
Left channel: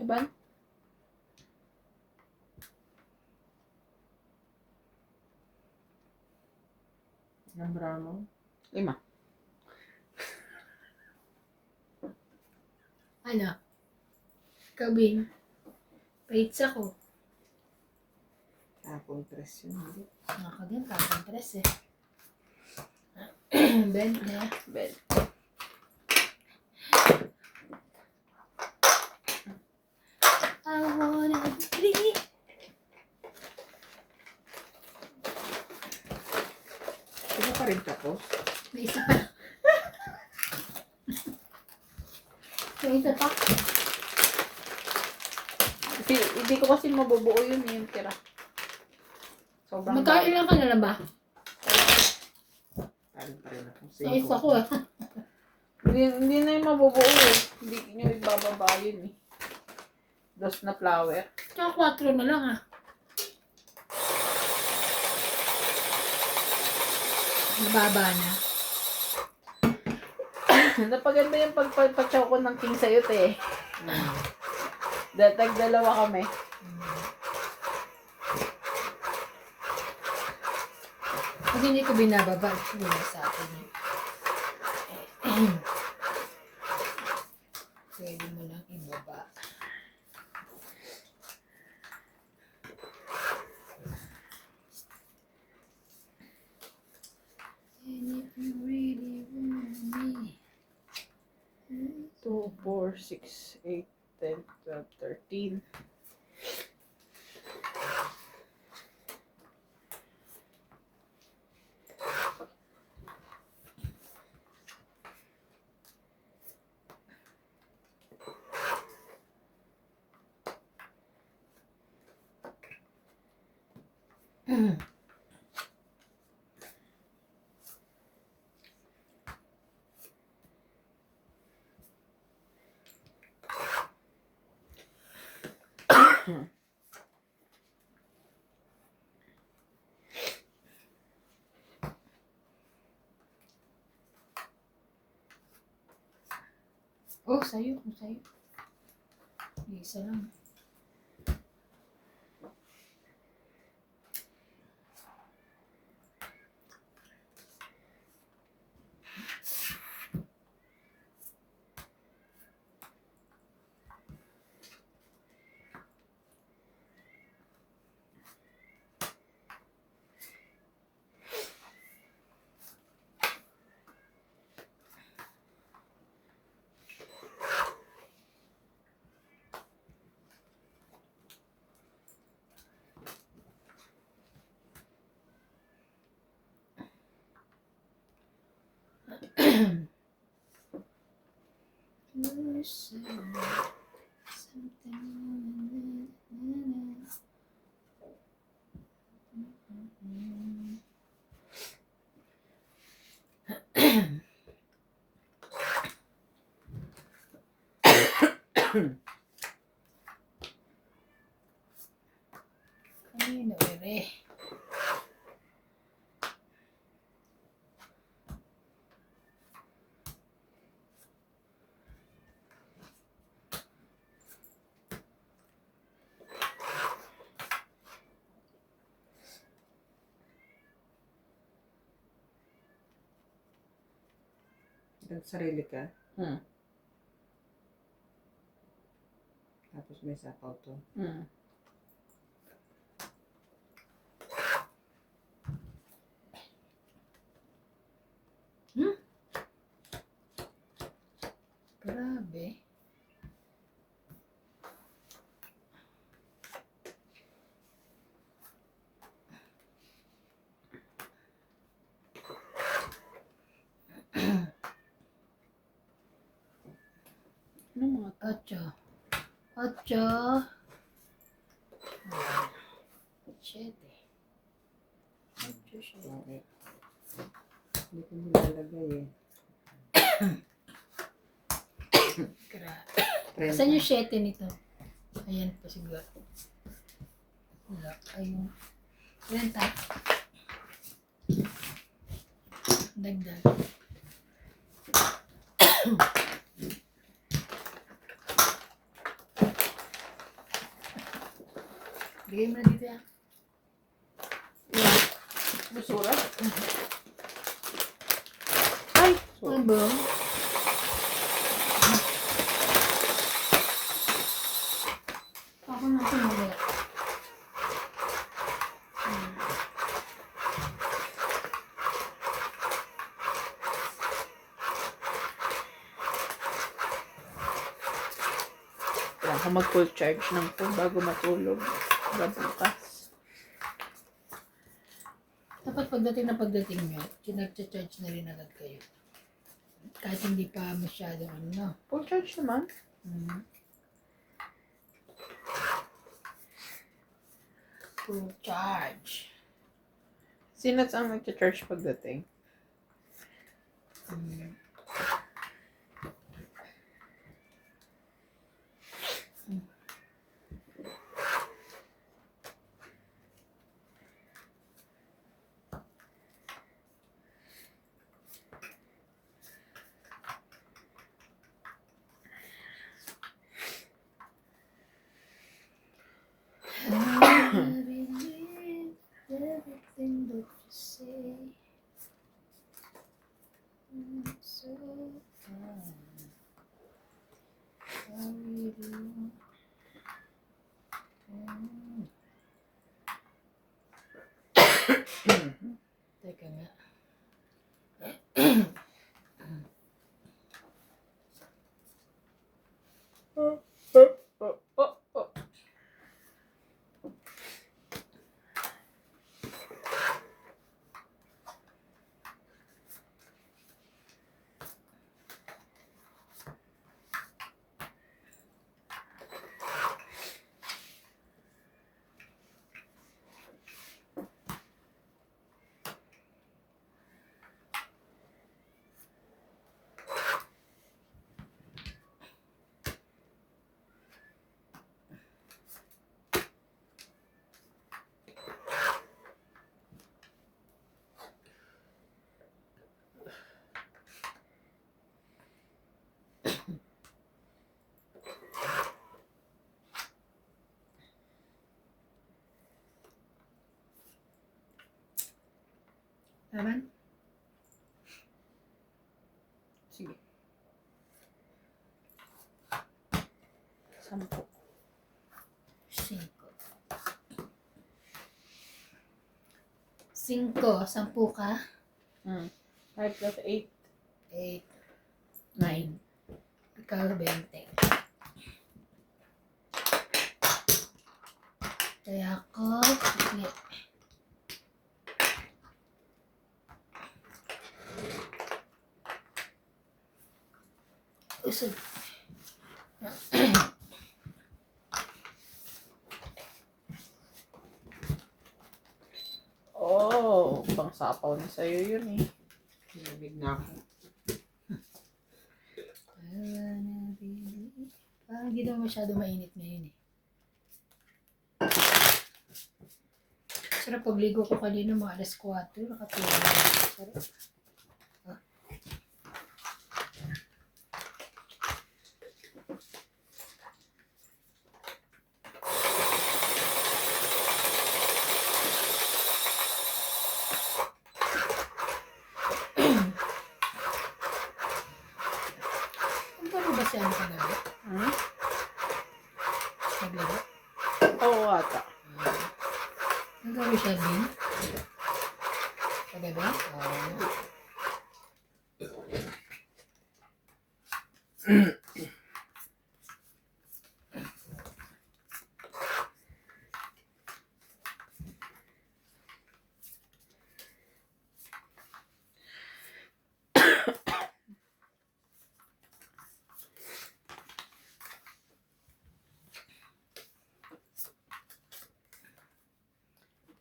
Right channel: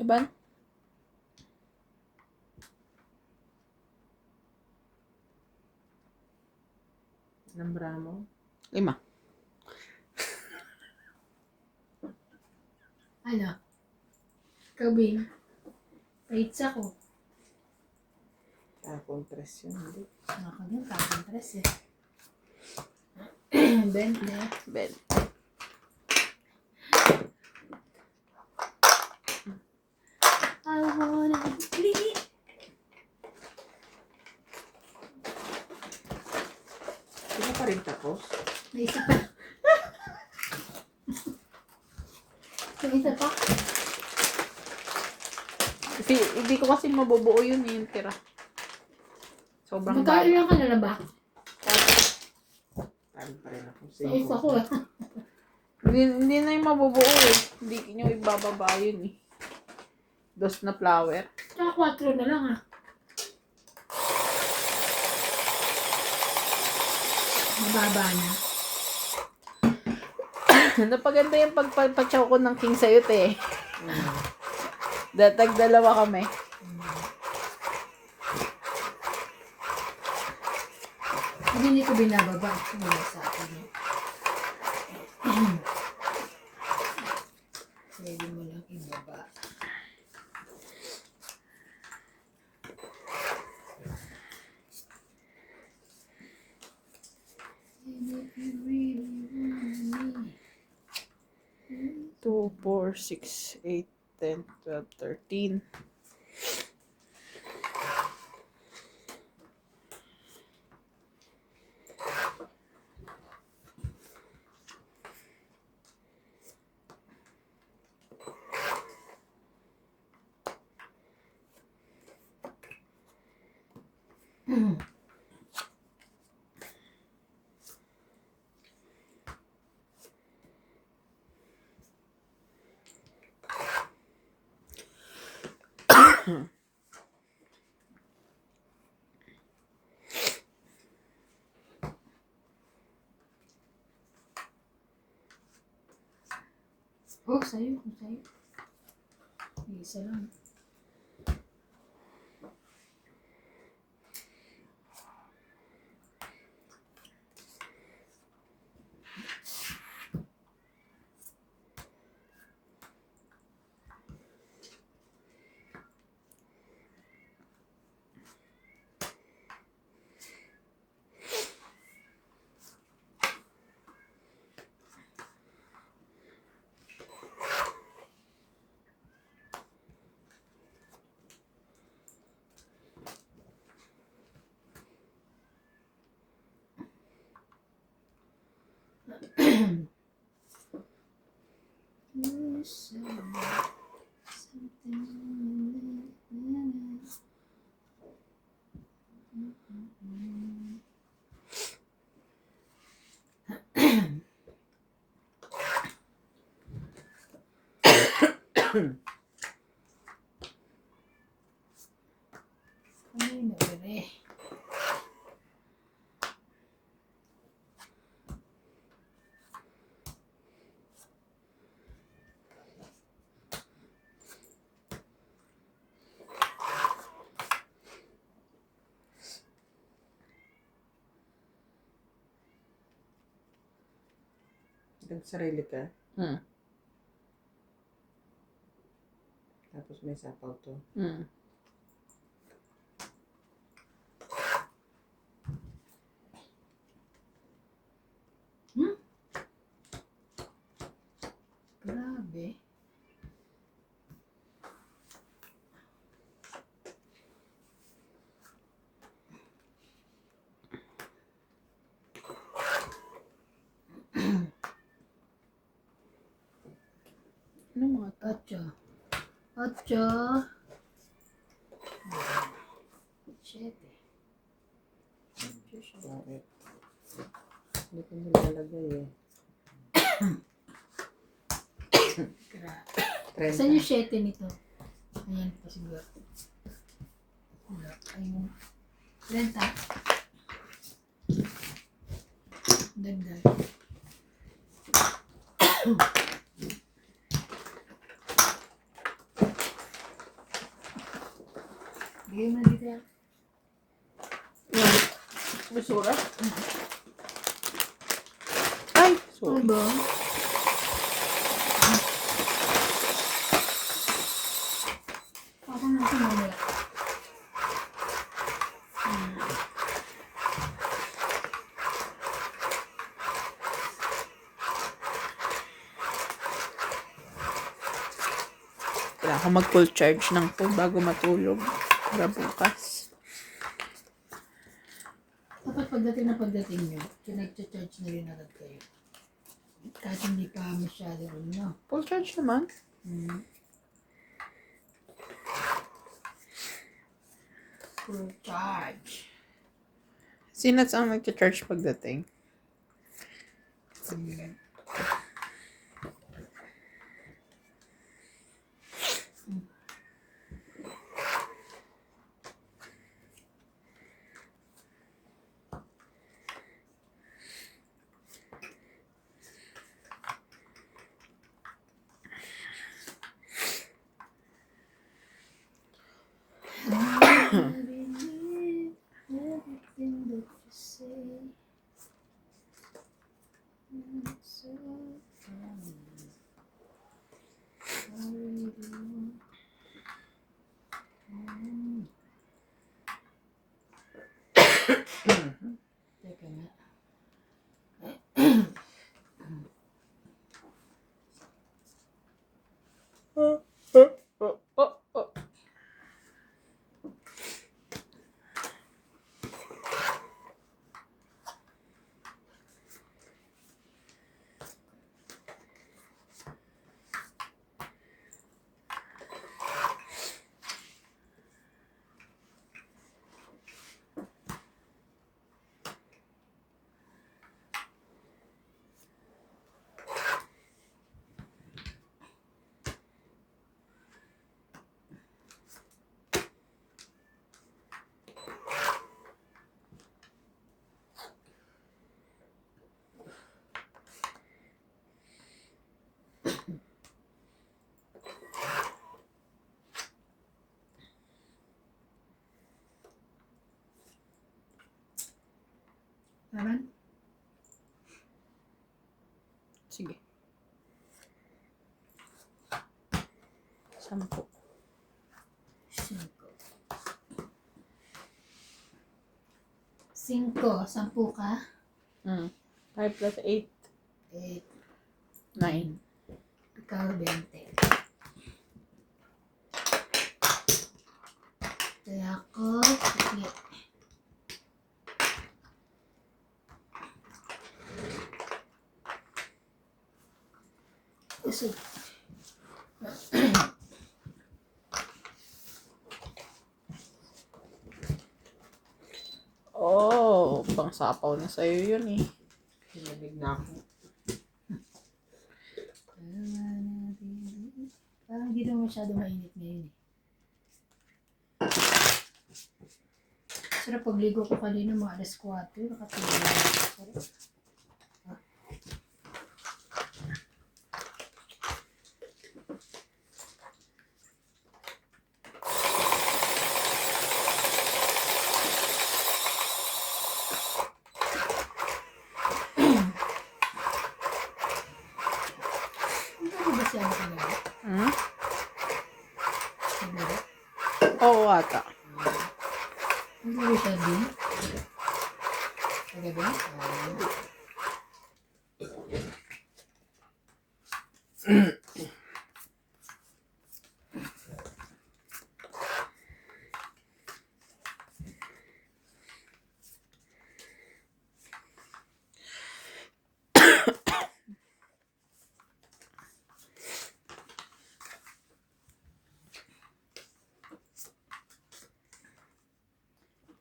Iban? Ng Bramo. 5. Ano? Kabing. Pizza ko. Tapong 3 yun. Hindi. Ako din, parang tres eh. 20. Ben. I wanna leave. Di ba pa rin tapos? May isa pa. May isa pa. Hindi ko kasi mabubuo yun yung tira. Sobrang Magkain lang ka na lang ba? Parin pa rin ako. Sa isa ko eh. Hindi na yung mabubuo eh. Hindi nyo ibababa yun eh. Dos na flower. Tsaka 4 na lang ah. Mababa na. Napaganda yung pagpapachaw ko ng king sayot eh. Tag-2 kami. Hindi ko binababa. Wala sa akin eh. Pwede mo lang ibaba. And if you really want me. 2, 4, 6, 8, 10, 12, 13. Oh, sa'yo. Kung sa'yo. Isa lang. Ay, nabire. Sarili ka. Hmm. Tapos may sapaw to. Hmm. Grabe. Ano mga 8. 8. 7. Bakit? Hindi ko nilalagay eh. Grabe. Saan yung 7 nito? Ayan pa siguro. Wala. Ayun. 30. Dagdag. Bigay mo na dito yan. Basura? Ay! Ano Sorry. ba? Ako natin mali. Kaya ako mag-full charge ng phone bago matulog. Para bukas. Dapat pagdating nyo, nag-charge na rin agad kayo. Kahit hindi pa masyado ano. Full charge naman. Full charge. Sinats ang mag-charge pagdating. I believe everything that you say. I'm so fine. Sorry, dear. Teka nga. Naman? Sige. 10. 5. 10 ka? 5 plus 8. 8. 9. Ikaw 20. Kaya ako, sige. Isa. Oh, pang sapaw na sa'yo yun eh. Hinamig na ako. Parang hindi naman masyado mainit ngayon eh. Sarap pagligo ko kanina mga alas 4. Nakatulog. Sarap. Ano ba siya sa gabi? Sa gabi? Oo ata. Ang gawin siya din? Sa gabi?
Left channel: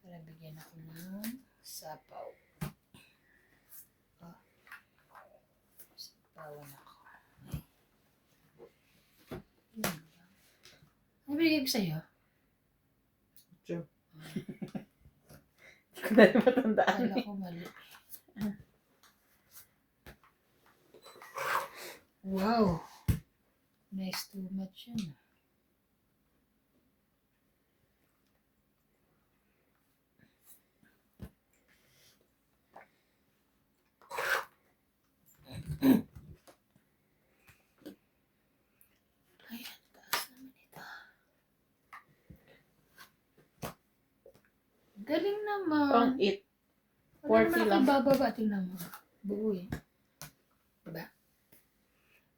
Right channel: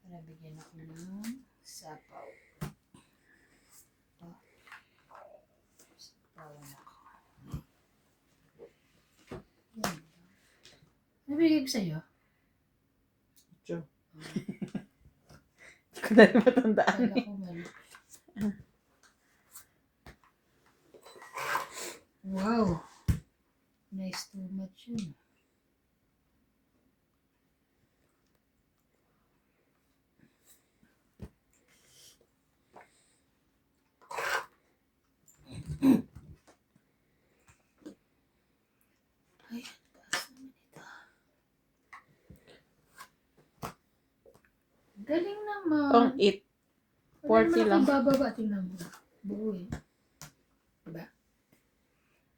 Para bigyan ako ng sapaw. Oh. Sapawan ako. Yan. Ano binigay ko sa'yo? Tiyo. Hindi ko na rin matandaan Kala eh. ko mali. Wow. Nice too much yun. Galing Pang naman. eat. Wala 40 naman lang. ako bababa. Tingnan mo. Buo eh. Diba?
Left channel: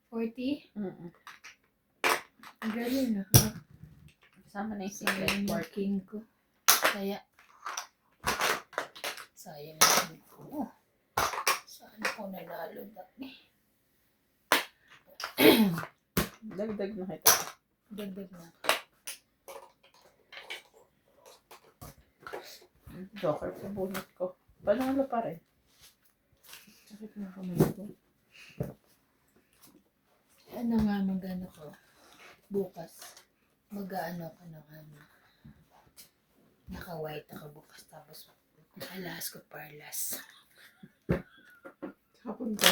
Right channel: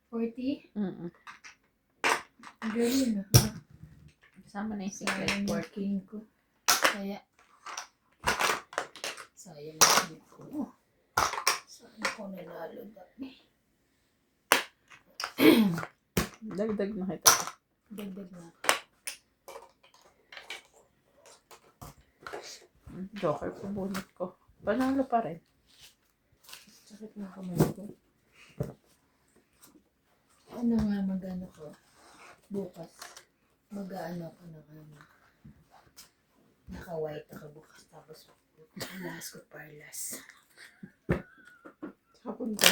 40? Mm-mm. Ang galing ah. Kasama na yung Sayang yung king ko. Kaya, sayang yung ko. Saan ko nanalo dami? Dagdag na kita. Dagdag na. Joker sa bunot ko. Panalo pa rin. Sakit na kamay ko. Ano nga mag-ano ko? Bukas. Mag-ano ko ng ano. Naka-white ako bukas. Tapos, alas ko parlas. Hapon ka.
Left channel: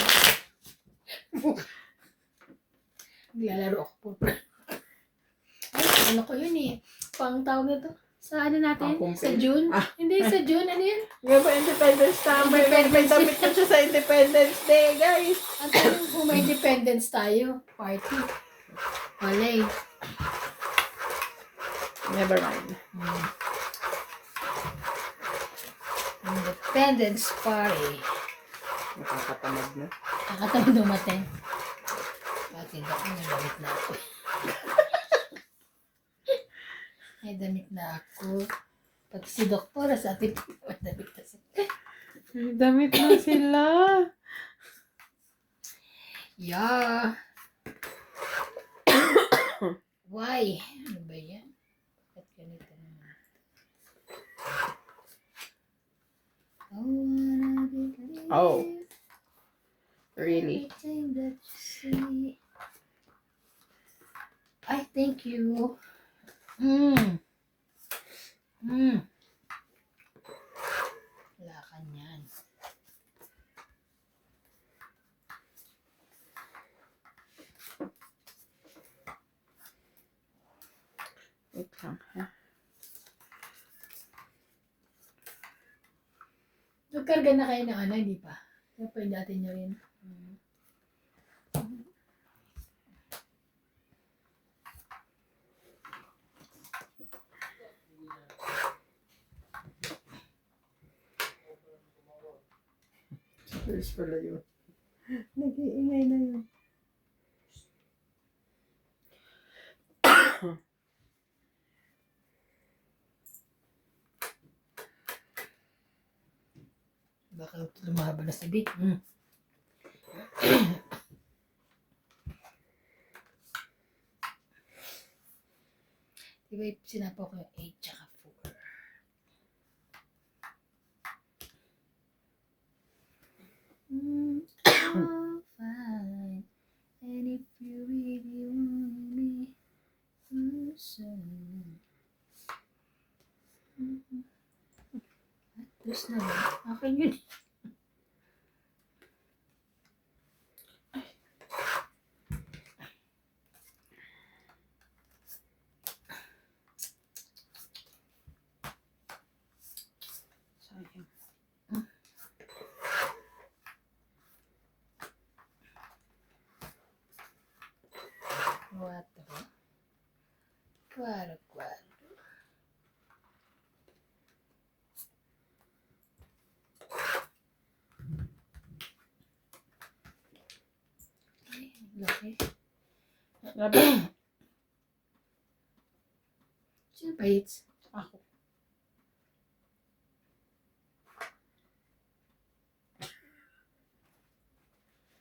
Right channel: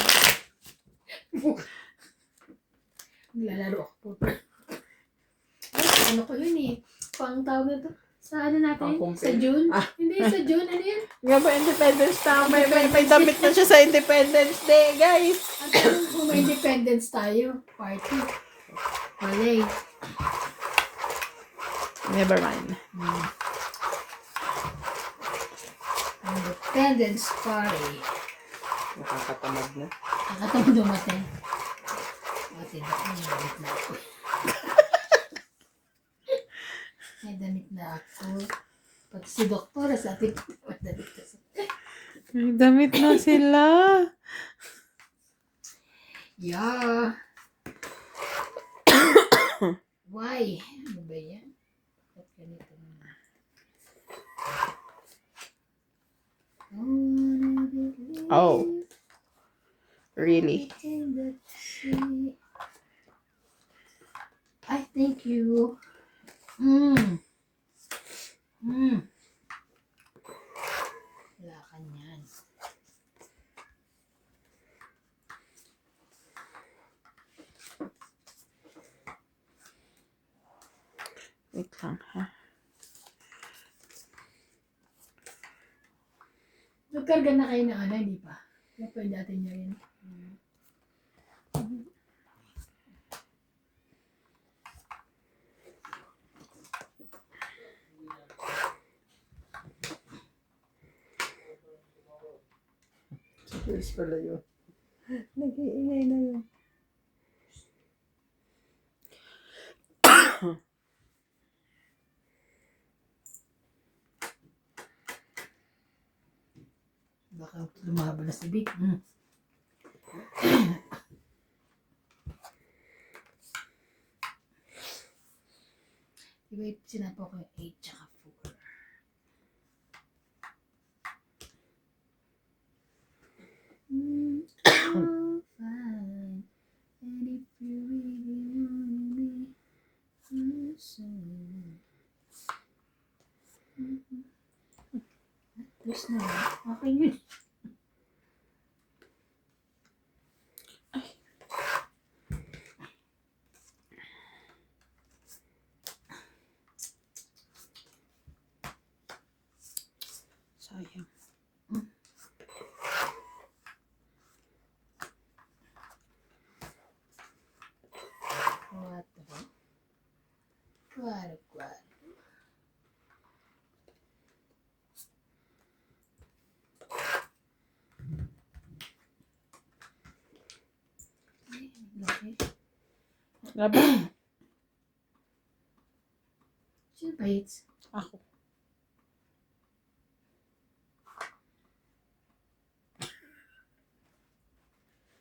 Naglalaro ako po. Ay, ano ko yun eh. Pang tawag na to. Sa ano natin? Pang-compare. Sa June? Ah. Hindi, sa June. Ano yun? Nga ba Independence na? May damit na siya sa Independence Day, guys. At ano kung may independence tayo? Party. Walay. Never mind. Independence Party. Nakakatamad na. Nakatawag dumating. Pati na ako yung damit na ako. May damit na ako. Pati si Doktora sa ating damit na siya. May damit na sila. Yeah. Why? Ano ba yan? Bakit ganito naman? Oh. Really? Everything that you see. I thank you. Wala ka niyan. Wait lang, ha? Nagkarga na kayo ng ano, hindi pa? Kaya pwede natin nyo rin. Yes pala yun. Nag-iingay na yun. Baka lumaba na si Vic. Diba sinapaw ko yung 8 tsaka 4. I'm fine. And if you really want me, Tapos na ba? Akin yun. Sayang. Claro. Ay, laki. Labi. Sino pa hits? Ako.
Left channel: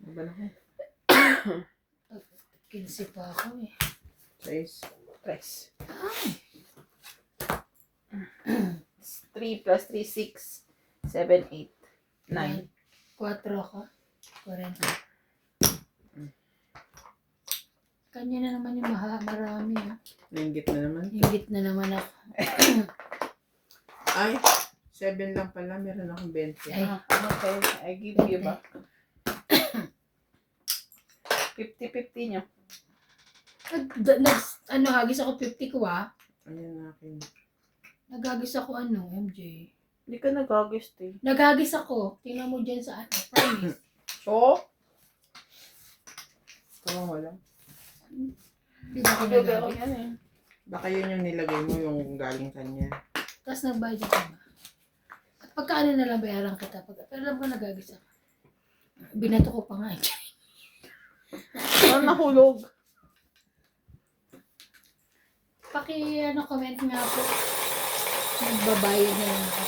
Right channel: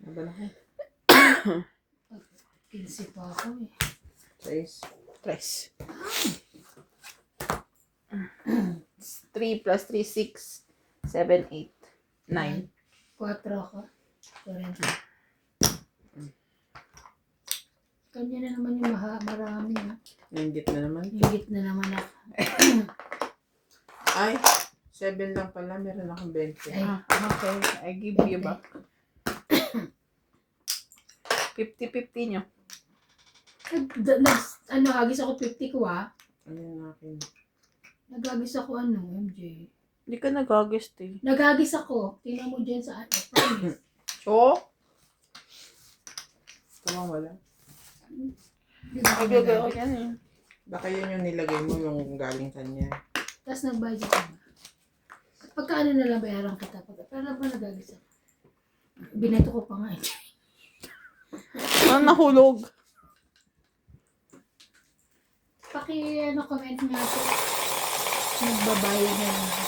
Nabalaki. Kinsi pa ako eh. 6. Press. 3 plus 3, 6, 7, 8, 9. 4 ako. 40. Kanya na naman yung marami ah. Nainggit na naman. Higit na naman ako. Ay, 7 lang pala. Meron akong 20. Ay. Okay, I give you back. 50-50 nyo. Hagis ako 50 ko ah. Ayan akin. Naghagis ako MJ. Hindi ka nag-August eh. Naghagis ako. Tingnan mo dyan sa promise. Oo? Tamang wala. Di ba ako Bibigay ko naghagis? yan eh. Baka yun yung nilagay mo yung galing kanya. Tapos nagbayad ka ba? Pagkaano na lang bayaran kita. Pero alam ko nagagisa. Binato ko pa nga. Ano nahulog? Comment nga po. Nagbabayad na lang ako.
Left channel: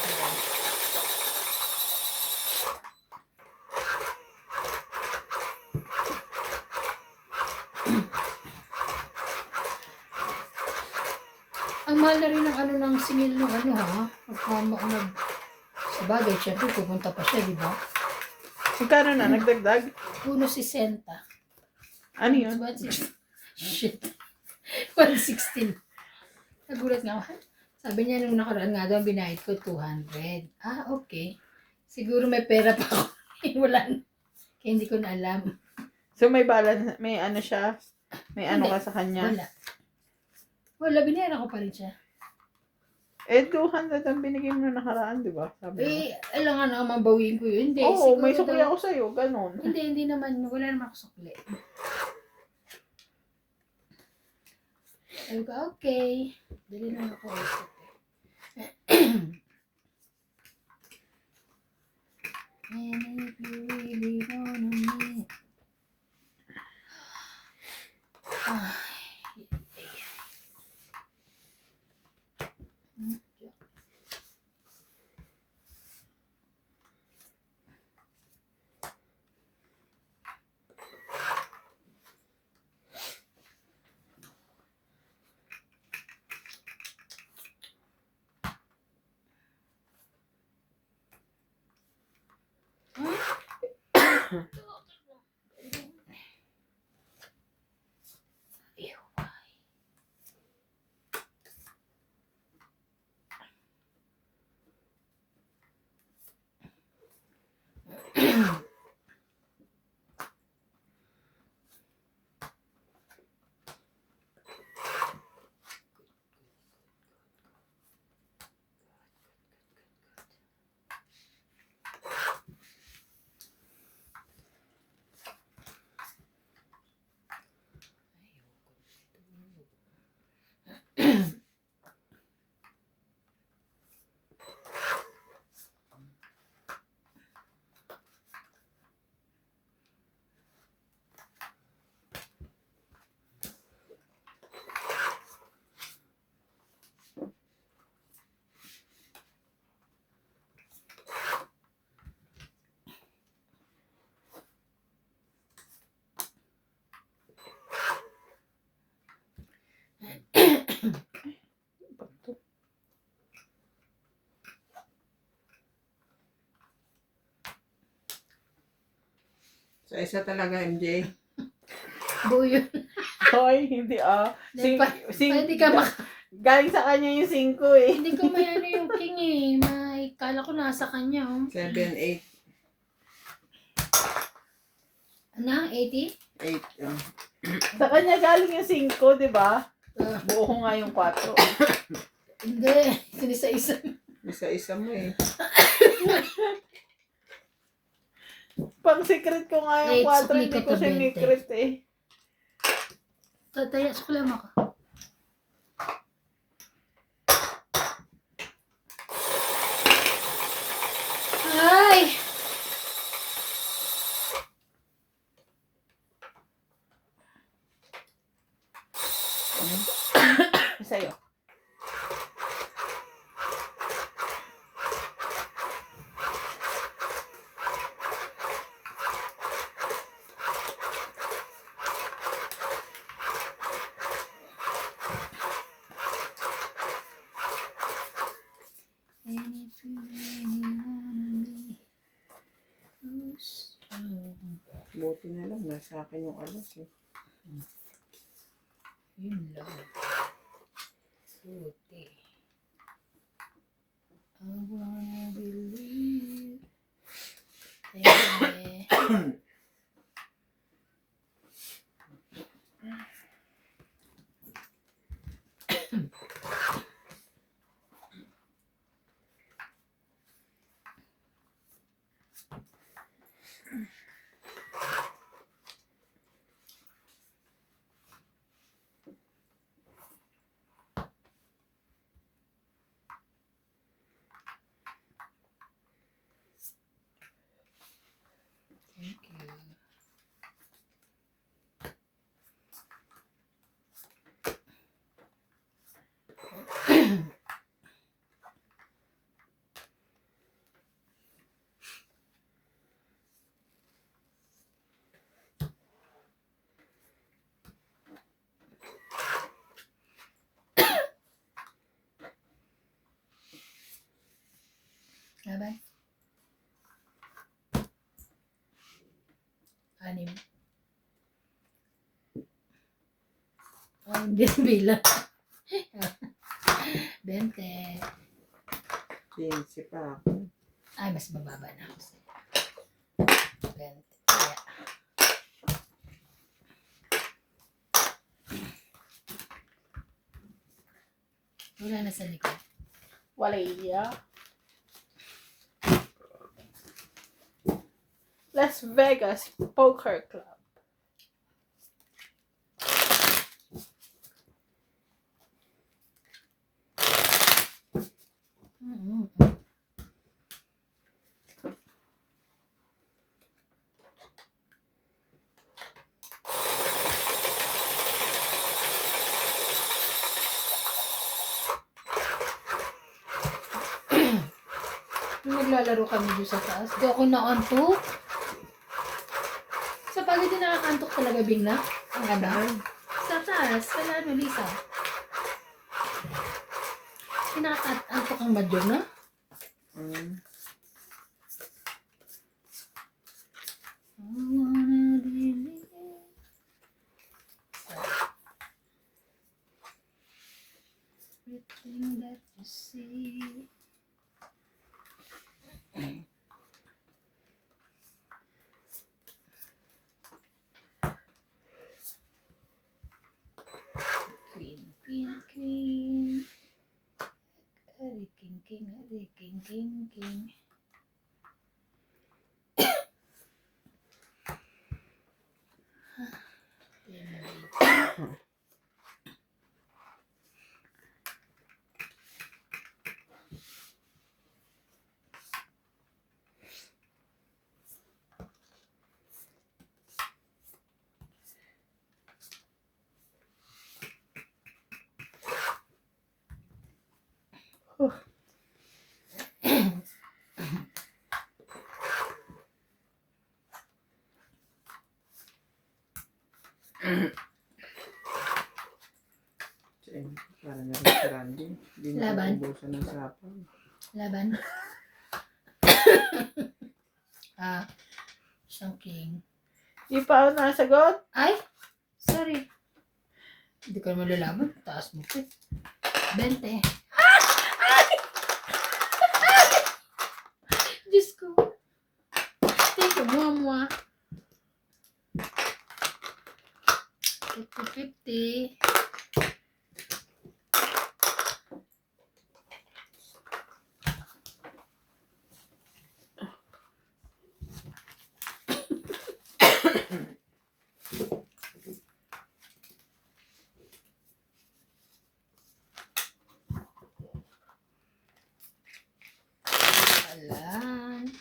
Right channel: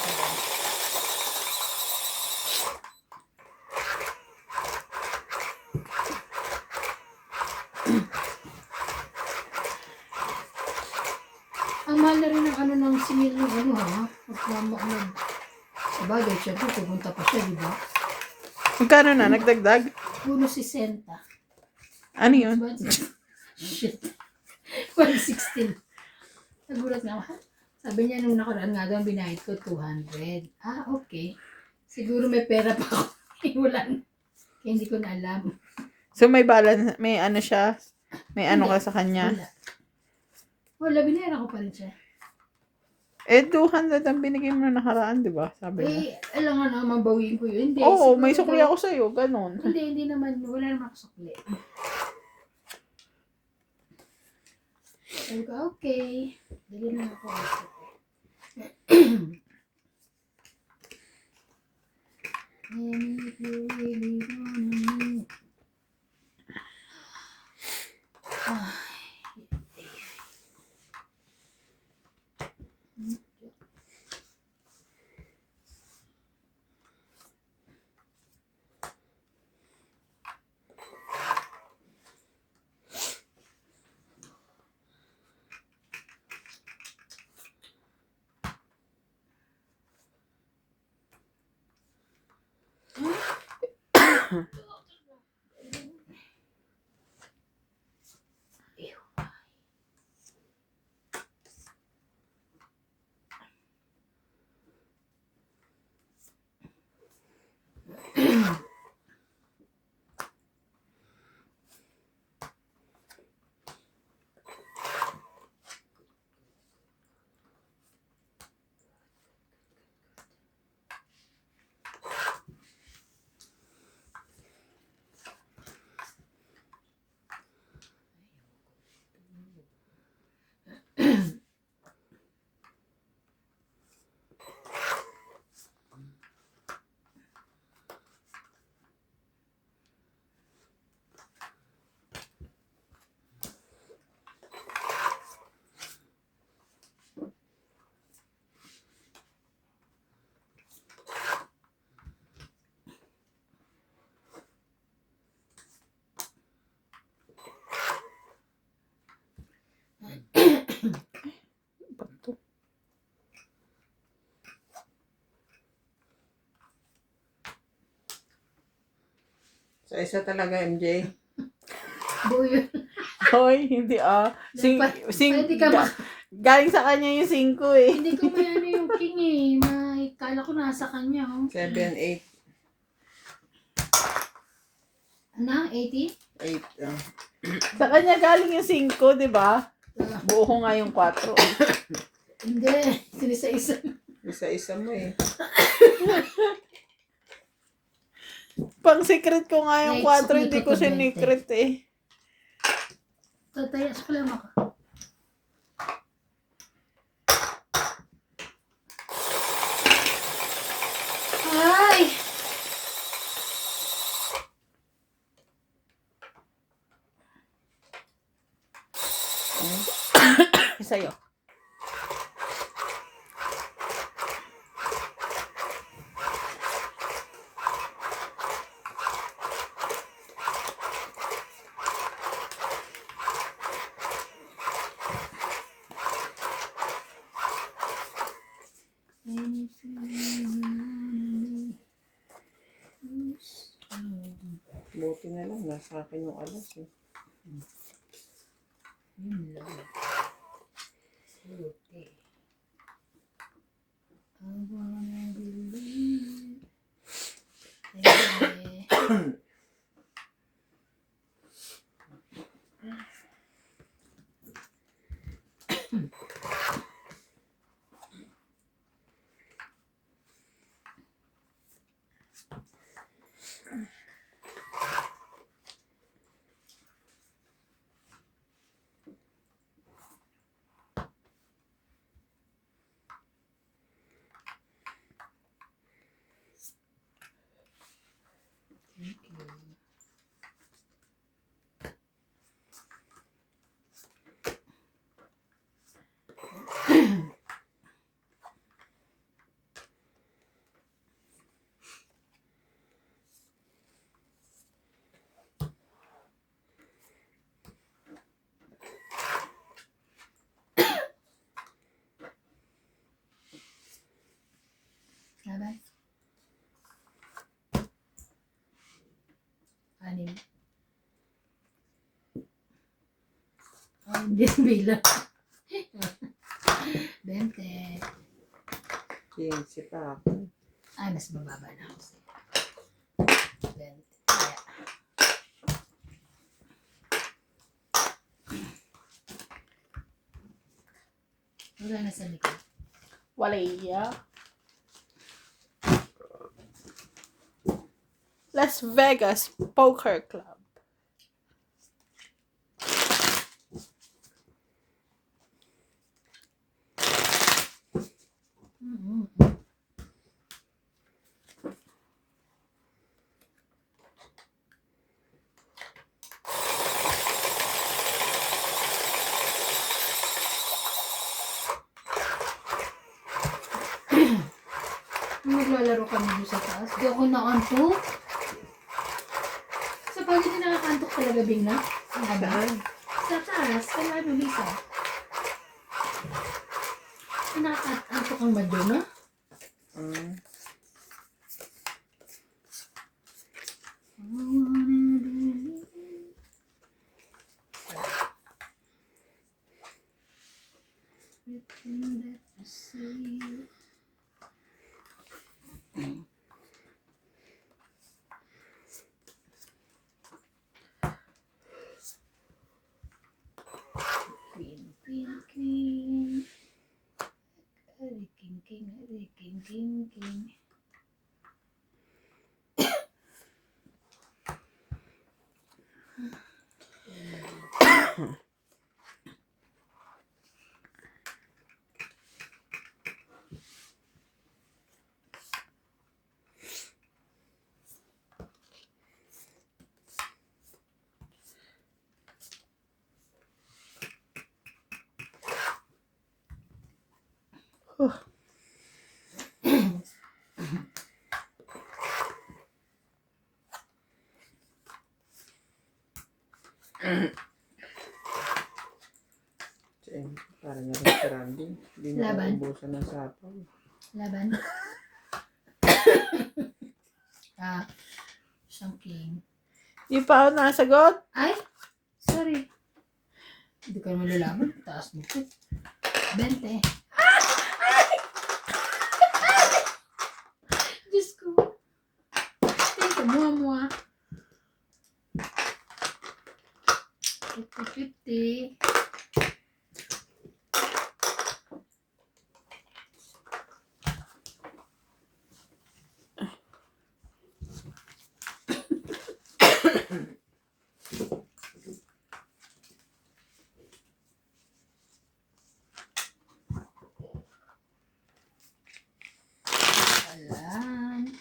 Ang mahal na rin ng ano ng simil ng ano ha. Sabagay, syempre pupunta pa siya, di ba? Magkano na? Nagdagdag? Puno 60. Ano yun? Shit. 116. Nagulat nga ako. Sabi niya nung nakaraan nga daw, binayad ko 200. Ah, okay. Siguro may pera pa ako. Wala na. Kaya hindi ko na alam. So may balance, may ano siya? May ano Hindi. ka sa kanya? Wala, binayaran ko pa rin siya. Eh, 200 ang binigay mo na nakaraan, di ba? Sabi mo. Eh, alam nga na, mabawiin ko yun. Hindi, Oo, siguro may sukli daw- ako sa'yo, ganon. Hindi naman. Wala naman ako sukli. Sabi ko, okay. Dali naman ako. And if you really wanna me. Ah. Sa isa talaga, MJ. Buo yun. Hoy, hindi Hindi ka galing sa kanya yung 5 eh. Hindi ko may ano yung king eh. May kala ko nasa kanya. Oh. 7, 8, Ano? 80? 8. Sa kanya galing yung 5, di ba? Uh, Buo ko nga yung 4. hindi. Sinisa-isa. Isa-isa mo eh. Pang secret ko nga yung Wait, 4, hindi ko sukli sinikret eh. Tataya sa kalama ko. Ay! Sa'yo. Buti na lang, nasa akin yung alas eh. Yun lang. Buti. I wanna believe. Eh. Hindi bilang. 20. 15 pa ako. Ay, mas mababa na ako sa'yo. 20. Kaya. Wala na sa likod. Walaya. Las Vegas Poker Club. Nung naglalaro kami doon sa taas, di ako naantok. Sa pagod din nakakantok talaga bigla. Ang ganda. Sa taas, kaya ano, Lisa? Pinakaantok ang madyo na? Mm. I wanna believe everything that you see. Queen, queen, queen. Ari, king, king, ari, king, king, king. Siyempre, para na rin si Randy. Hindi na Laban? uubusan ng sapaw. Laban. Isang king. Di pa ako nasagot. Ay! Sorry. Hindi ka naman lalaban. Taas mo po. 20. Diyos ko. Thank you, mua-mua. 50-50. Alam.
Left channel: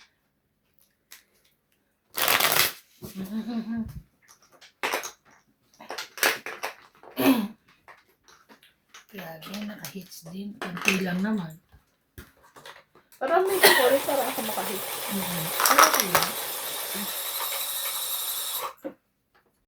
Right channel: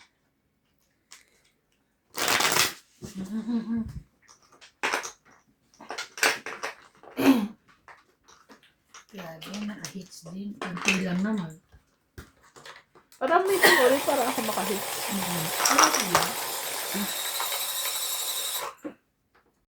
Grabe, naka-hits din. Kunti lang naman. Parang may score para